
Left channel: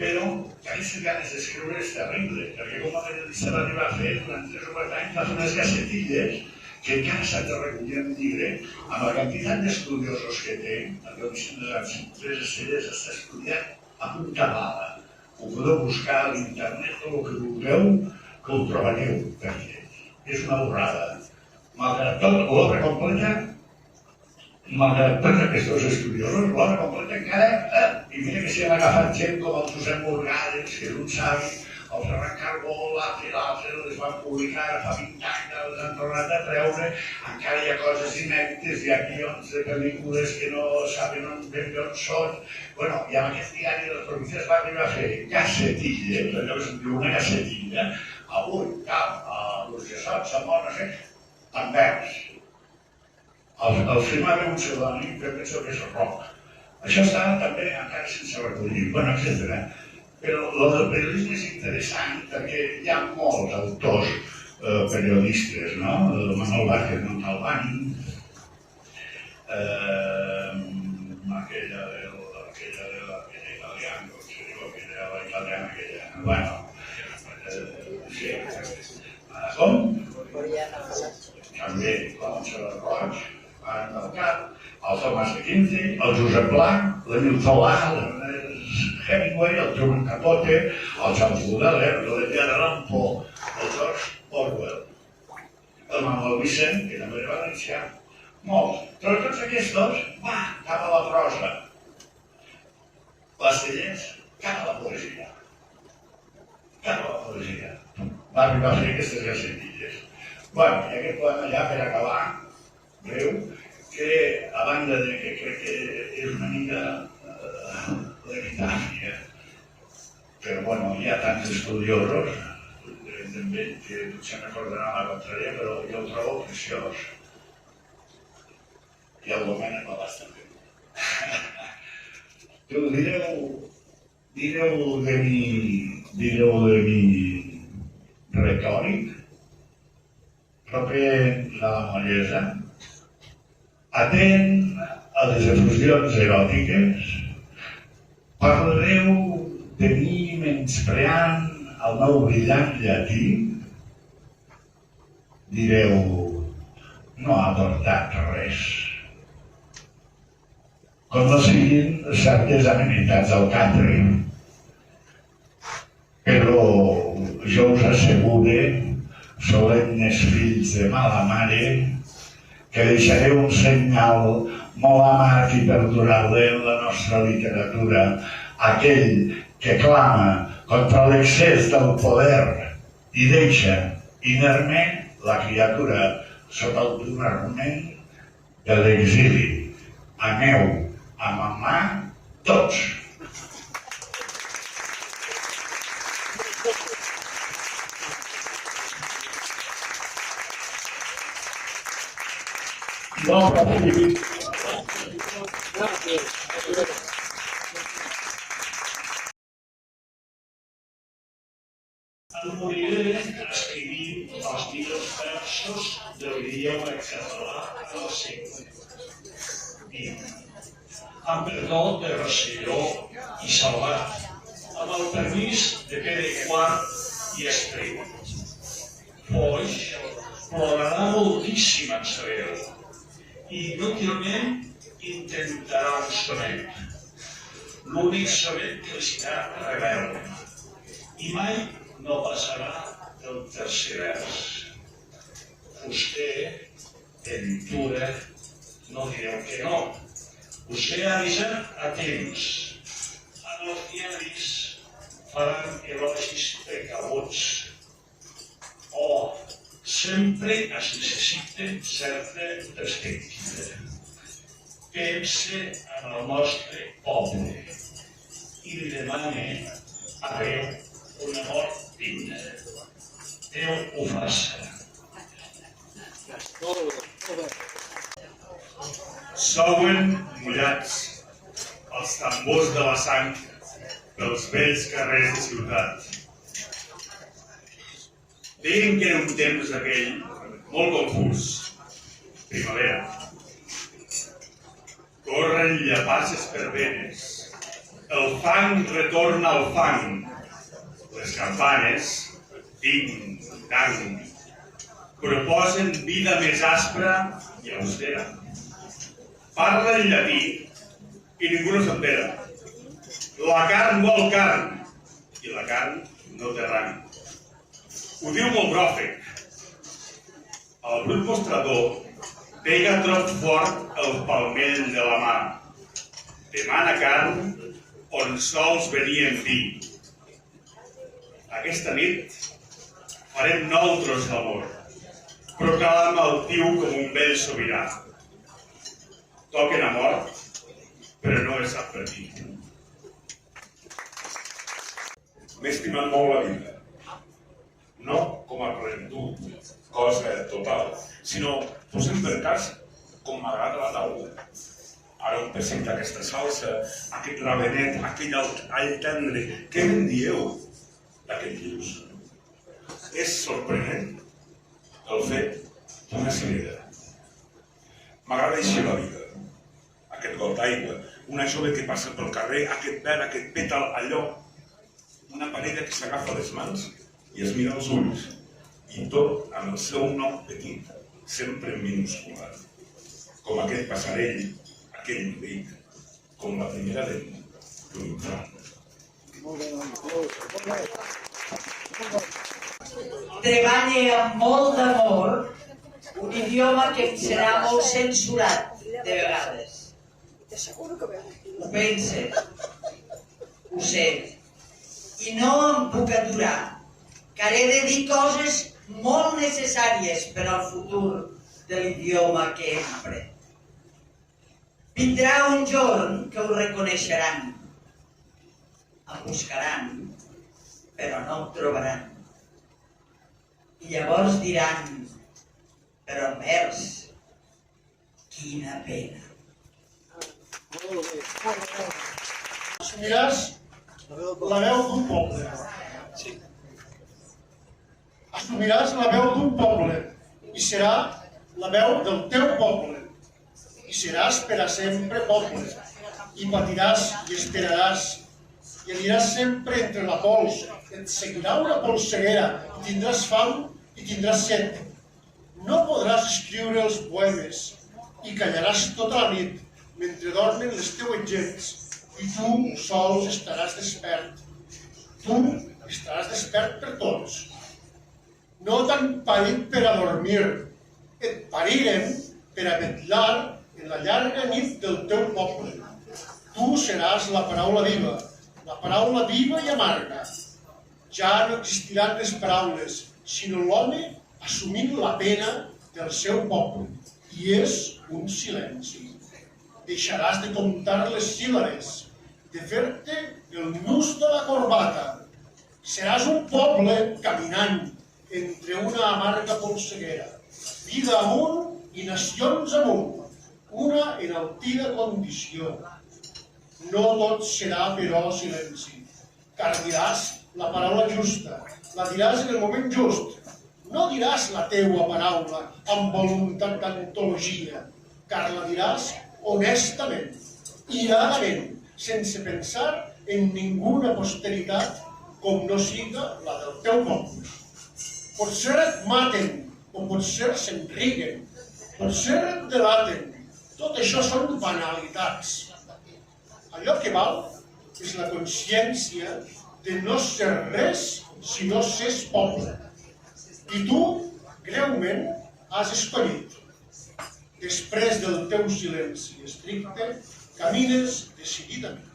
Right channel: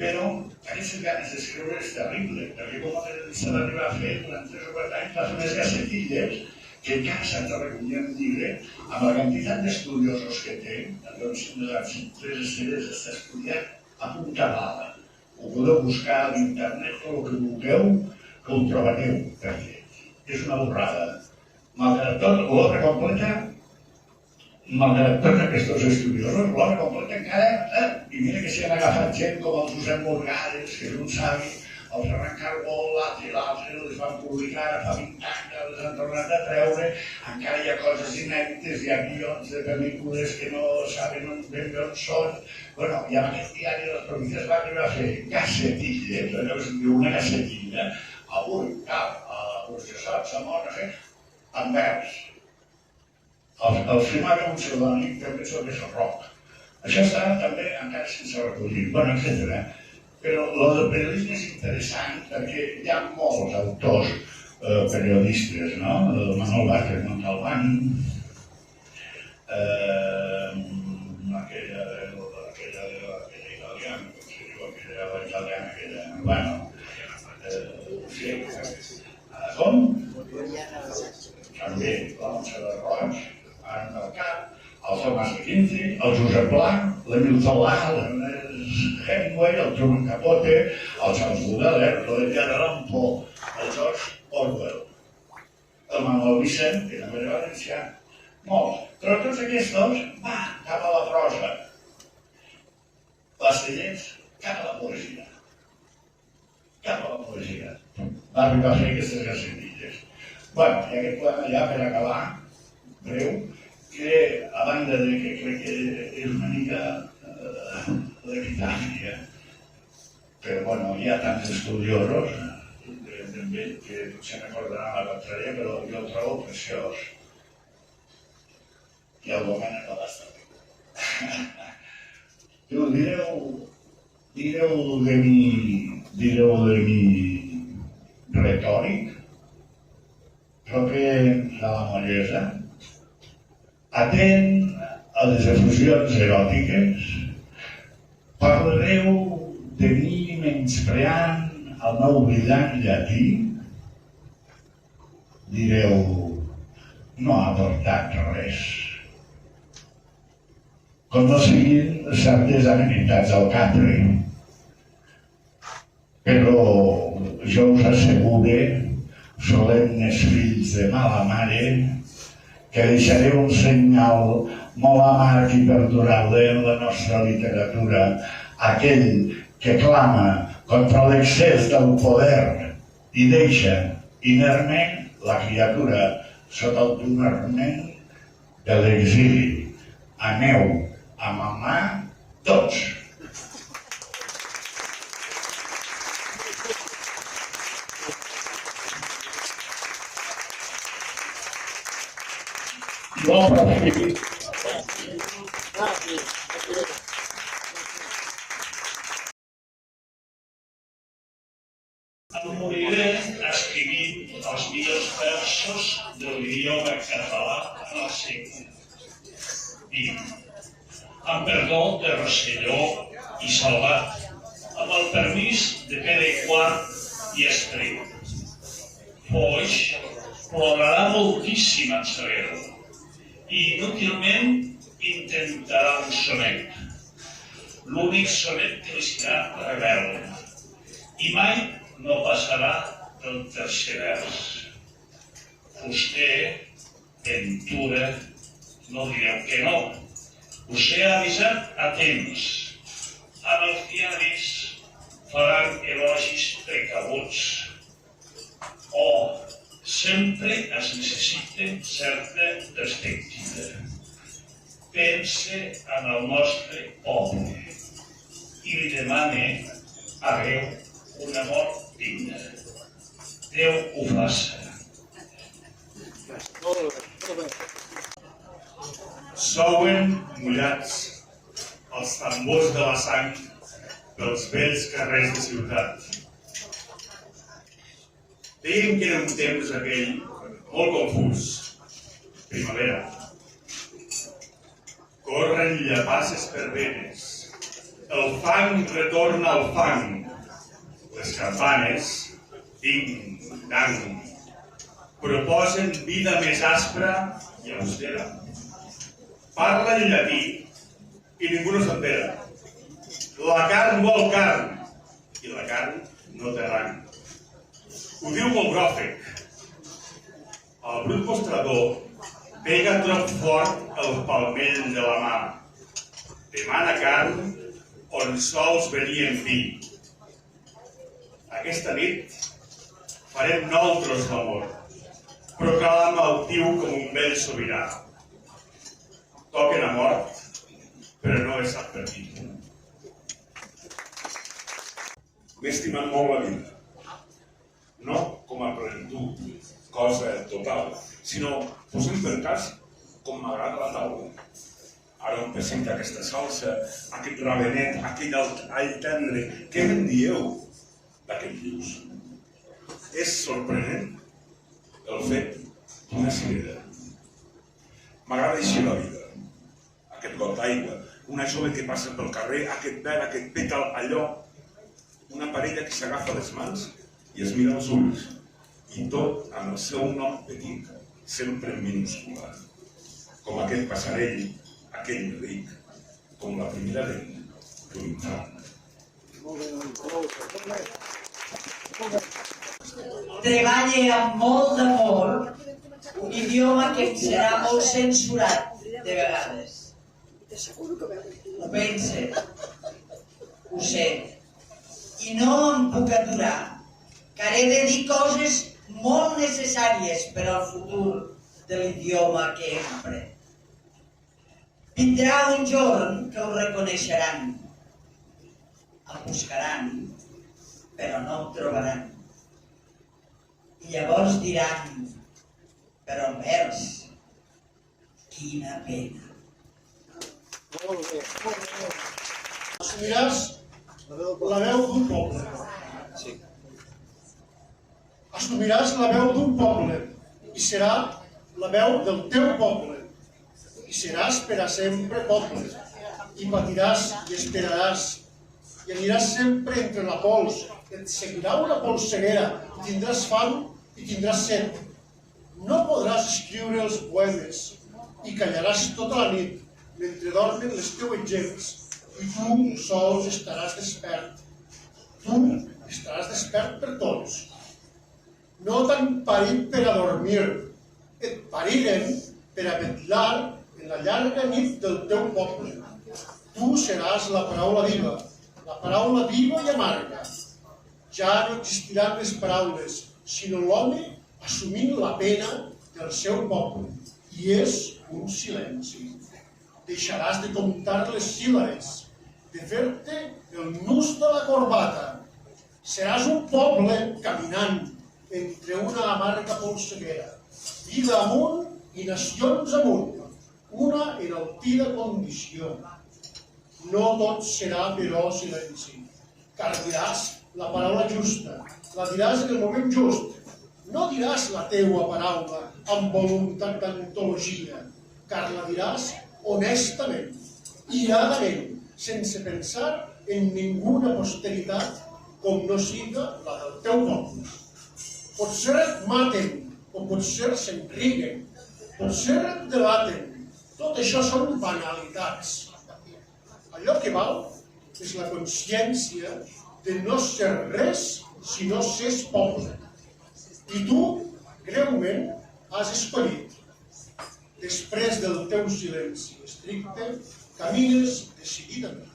però aquestes ganes d'escriure és terrible, perquè com a periodista va arribar a fer durant 3 o 4 anys va fer unes gacetilles que encara s'han de recollir en llibre amb la quantitat d'estudiosos que té. La Comissió de les 3 estrelles està estudiat a punta bala. Ho podeu buscar a l'internet o el que vulgueu, que ho trobareu per ells. És una borrada. Malgrat tot, l'obra completa, malgrat tots aquests estudiosos, l'obra completa encara, i mira que s'hi han agafat gent com el Josep Morgades, que és un savi, el Ferran Carbó, l'altre, les van publicar fa 20 anys, les han tornat a treure, encara hi ha coses inèdites, hi ha guions de pel·lícules que no saben ben bé on són. Bueno, i amb aquest diari de les Províncies va arribar a fer gacetilles, allò que se'n diu una gacetilla, avui, a l'Urgesot, Samor, no sé, en vers. El firmava un pseudònim, que penso que és Roc. Això està també encara sense recollir, bueno, etc. Però el del periodisme és interessant perquè hi ha molts autors periodistes, no? Manuel Vázquez Montalbán, aquella italiana, com se diu, aquella italiana, bueno, sí, com? També, com el Xavier Roig, en el cap, el Tomàs de Quince, el Josep Pla, l'Emil Zola, l'Ernest Hemingway, el Truman Capote, el Charles Baudelaire, l'Edgar Allan Poe, el George Orwell, el Manuel Vicent, que també era valencià, molts. Però tots aquests, va, cap a la prosa. Les Tellers, cap a la poesia. Cap a la poesia. Va arribar a fer aquestes gacetilles. Bueno, i aquest poema ja per acabar, breu, que, a banda de que crec que és una mica l'epitàfia, però bueno, hi ha tants estudiosos també que potser m'acordaran la contrària, però jo el trobo preciós. I el Domènec Balàs també. Tu direu de mi retòric, proper de la mollesa, atent a les efusions eròtiques, parlareu de mi menyspreant el meu brillant llatí, direu, no ha aportat res. Com no siguin certes amenitats al catre. Però jo us assegure, solemnes fills de mala mare, que deixaré un senyal molt amarg i perdurable en la nostra literatura, aquell que clama contra l'excés del poder i deixa inerme la criatura sota el primerment de l'exili. Aneu a mamar tots. Em moriré escrivint els millors versos de l'idioma català en el segle XX. Amb perdó de Rosselló i Salvat, amb el permís de Pere IV i Espriu. Foix plorarà moltíssim en saber-ho i inútilment intentarà un sonet, l'únic sonet que li serà rebel, i mai no passarà del tercer vers. Fuster, Ventura, no direu que no. Us he avisat a temps. Amb els diaris faran elogis precabuts. Sempre es necessita certa perspectiva. Pense en el nostre poble i li demane a Déu una mort digna. Déu ho faça. Souen mullats els tambors de la sang dels vells carrers de ciutat. Deien que era un temps aquell molt confús. Primavera. Corren llapasses per venes. El fang retorna al fang. Les campanes, ding-dang, proposen vida més aspra i austera. Parla en llatí i ningú no s'entera. La carn vol carn i la carn no té rang. Ho diu molt bròfec. El brut mostrador pega trop fort el palmell de la mà. Demana carn on sols venien vi. Aquesta nit farem 9 tros d'amor. Proclama el tiu com un vell sobirà. Toquen a mort, però no es sap per qui. M'he estimat molt la vida. No com a plenitud, cosa total, sinó posem per cas com m'agrada la taula. Ara em presenta aquesta salsa, aquest rabenet, aquell all tendre. Què me'n dieu d'aquest lluç? És sorprenent el fet d'una cirera. M'agrada així la vida. Aquest got d'aigua, una jove que passa pel carrer, aquest verd, aquest pètal, allò. Una parella que s'agafa les mans i es mira als ulls, i tot amb el seu nom petit, sempre minúscula. Com aquest passarell, aquell ric, com la primera dent d'un infant. Treballe amb molt d'amor un idioma que em serà molt censurat de vegades. Ho pense, ho sé, i no em puc aturar, que he de dir coses molt necessàries per al futur de l'idioma que empre. Vindrà un jorn que ho reconeixeran, em buscaran, però no em trobaran. I llavors diran, però envers, quina pena. Assumiràs la veu d'un poble. Assumiràs la veu d'un poble i serà la veu del teu poble. I seràs per a sempre poble. I patiràs i esperaràs. I aniràs sempre entre la pols. Et seguirà una polseguera. I tindràs fam i tindràs set. No podràs escriure els poemes i callaràs tota la nit mentre dormen les teues gens i tu sols estaràs despert. Tu estaràs despert per tots. No t'han parit per a dormir, et pariren per a vetlar en la llarga nit del teu poble. Tu seràs la paraula viva i amarga. Ja no existiran les paraules, sinó l'home assumint la pena del seu poble. I és un silenci. Deixaràs de comptar les síl·labes, de fer-te el nus de la corbata. Seràs un poble caminant entre una amarga polseguera, vida amunt i nacions amunt, una enaltida condició. No tot serà, però, silenci, car diràs la paraula justa, la diràs en el moment just. No diràs la teua paraula amb voluntat d'antologia, car la diràs honestament, iradament, sense pensar en ninguna posteritat com no siga la del teu poble. Potser et maten, o potser se'n riguen, potser et delaten. Tot això són banalitats. Allò que val és la consciència de no ser res si no s'és poble. I tu, greument, has escollit. Després del teu silenci estricte, camines decididament.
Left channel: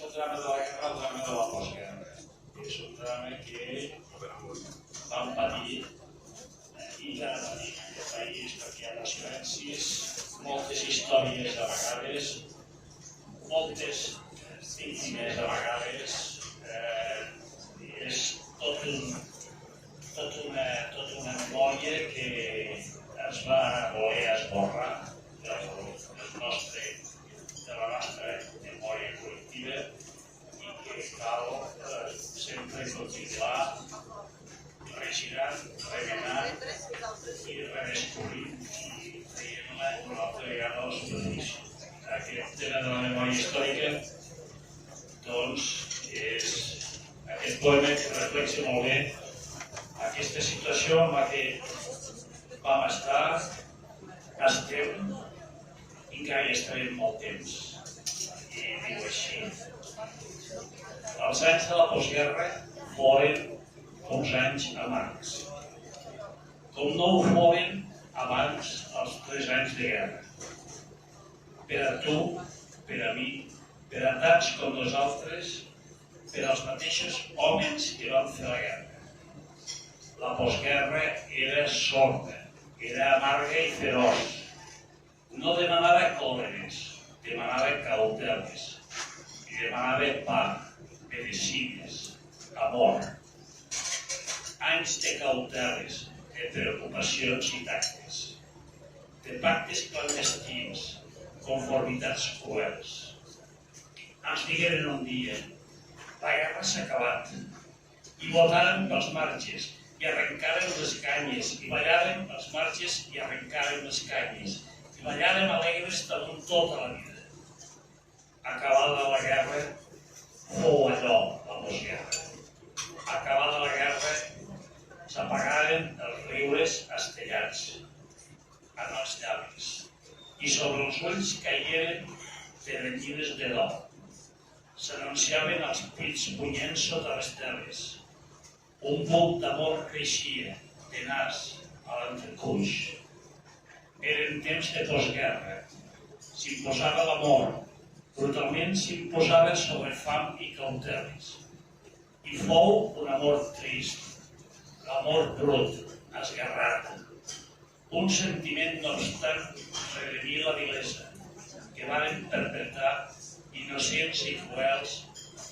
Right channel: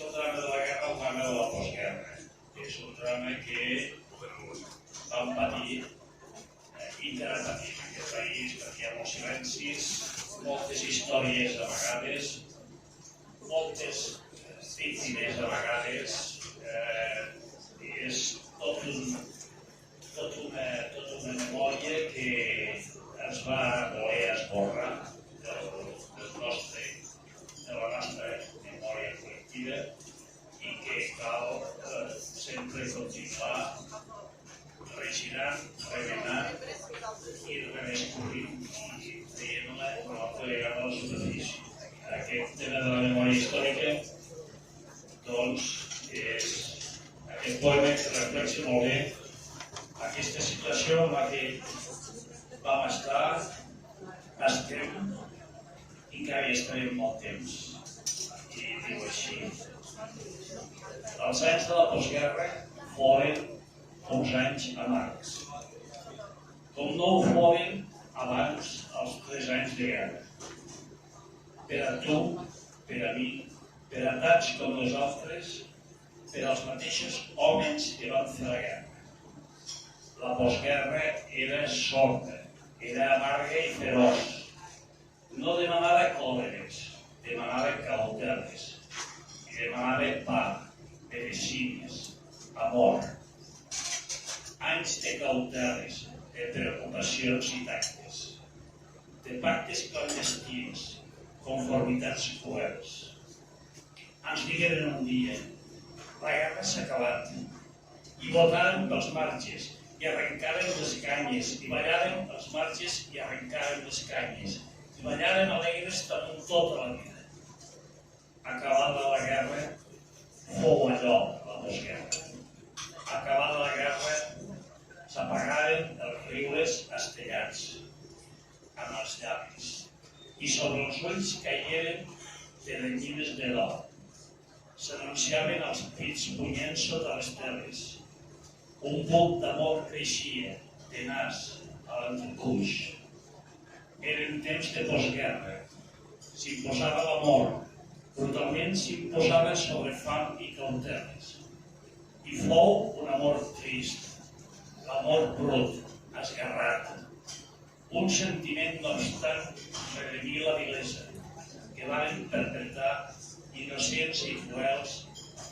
El drama de la guerra, el drama de la postguerra. És un drama que vam patir i encara patim en aquest país perquè hi ha molts silencis, moltes històries a vegades, moltes víctimes a vegades. És tot una memòria que es va voler esborrar de la nostra memòria col·lectiva i que cal sempre continuar regirant, remenant i redescobrint i traient-la una altra vegada a la superfície. Aquest tema de la memòria històrica, doncs, és aquest poema que reflexa molt bé aquesta situació en la que vam estar, estem i encara hi estarem molt temps. I diu així: els anys de la postguerra foren uns anys amargs, com no ho foren abans els 3 anys de guerra. Per a tu, per a mi, per a tants com nosaltres, per als mateixos homes que van fer la guerra. La postguerra era sorda, era amarga i feroç. No demanava còleres, demanava cauteles, i demanava pa, medicines, amor. Anys de cauteles, de preocupacions i tactes, de pactes clandestins, conformitats cruels. Ens digueren un dia: la guerra s'ha acabat, i votàrem pels marges, i arrencàrem les canyes, i ballàrem pels marges, i arrencàrem les canyes, i ballàrem alegres damunt tota la vida. Acabada la guerra, fou allò, la postguerra. Acabada la guerra, s'apagaren els riures estellats en els llavis, i sobre els ulls caigueren teranyines de d'or. S'anunciaven els pits punyents sota les teles. Un buc d'amor creixia, tenaç, a l'entrecuix. Eren temps de postguerra. S'imposava l'amor. Brutalment s'imposava sobre fam i cauteles. I fou un amor trist. l'amor brut, esguerrat. Un sentiment, no obstant, redimir la vilesa, que van perpetrar innocents i cruels,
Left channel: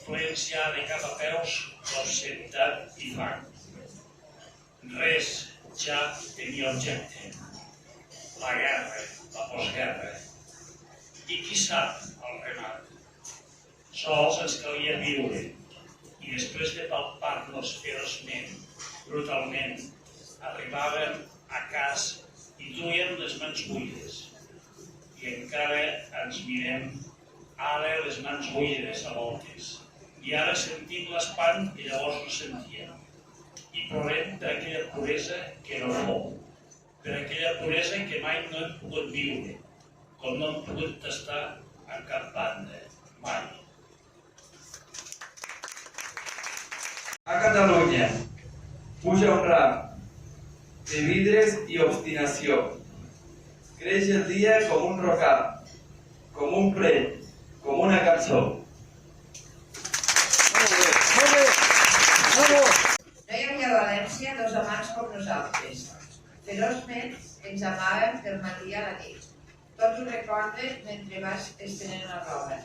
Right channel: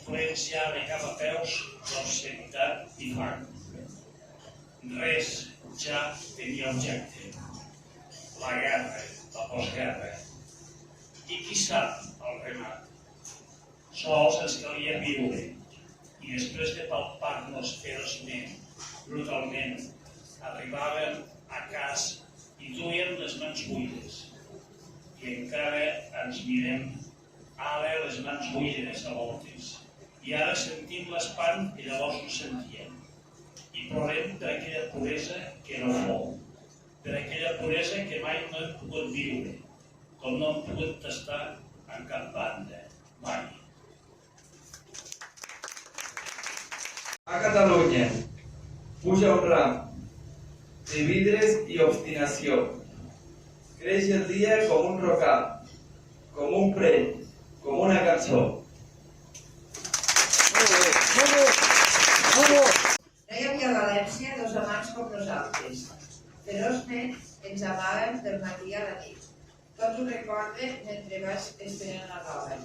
plens ja de cap a peus d'obscenitat i fang. Res ja tenia objecte. La guerra, la postguerra. I qui sap el remat? Sols ens calia viure, i després de palpar-nos feroçment, brutalment, arribàvem a casa i duien les mans buides. I encara ens mirem, ara les mans buides a voltes. I ara sentim l'espant que llavors no sentíem. I plorem per aquella puresa que no fou, per aquella puresa que mai no hem pogut viure, com no hem pogut tastar en cap banda, mai. A Catalunya puja un ram de vidres i obstinació. Creix el dia com un rocar, com un prell, com una cançó. No hi havia a València dos amants com nosaltres. Feroçment ens amàvem del matí a la nit. Tot ho recorde mentre vas estenent la roba.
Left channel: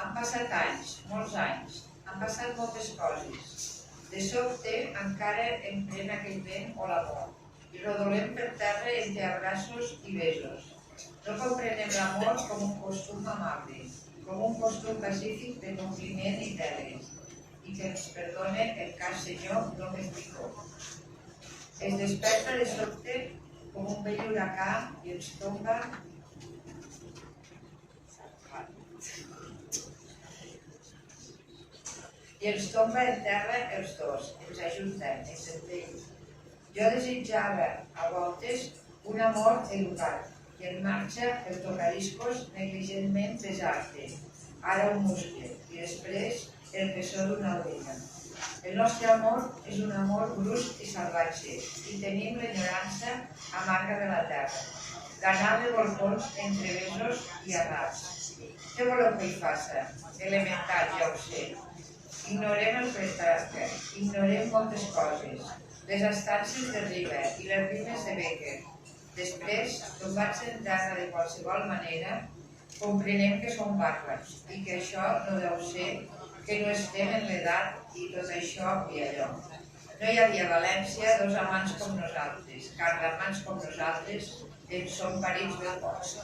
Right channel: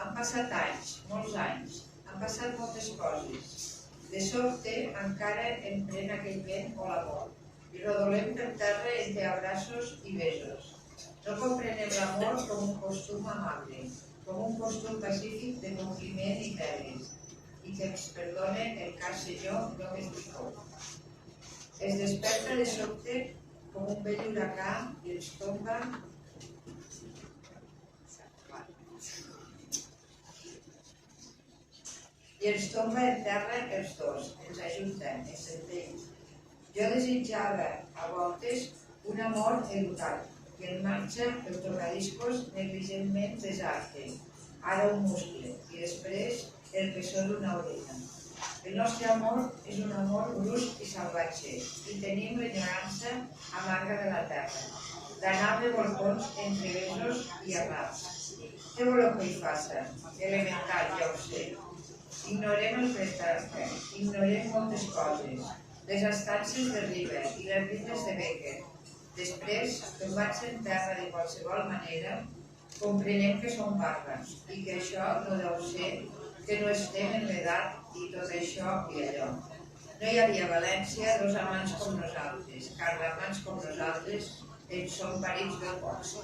Han passat anys, molts anys. Han passat moltes coses. De sobte encara em pren aquell vent o l'amor i rodolem per terra entre abraços i besos. No comprenem l'amor com un costum amable, com un costum pacífic de compliment i deures, i que ens perdone el cas senyor Gómez Picó. Es desperta de sobte com un vell huracà i ens tomba en terra els dos, ens ajunten, ens entén. Jo desitjava a voltes un amor educat i en marxa el tocadiscos negligentment desarte, ara un muscle i després el pessó d'una orella. El nostre amor és un amor brusc i salvatge i tenim l'enyorança amarga de la terra, d'anar de volcons entre besos i arraps. Què voleu que hi faça? Elemental, ja ho sé. Ignorem el prestatge, ignorem moltes coses, les estances de River i les rimes de Becker. Després, tombats en terra de qualsevol manera, comprenem que som bàrbars i que això no deu ser que no estem en l'edat i tot això i allò. No hi havia a València dos amants com nosaltres, car d'amants com nosaltres en som parits ben pocs.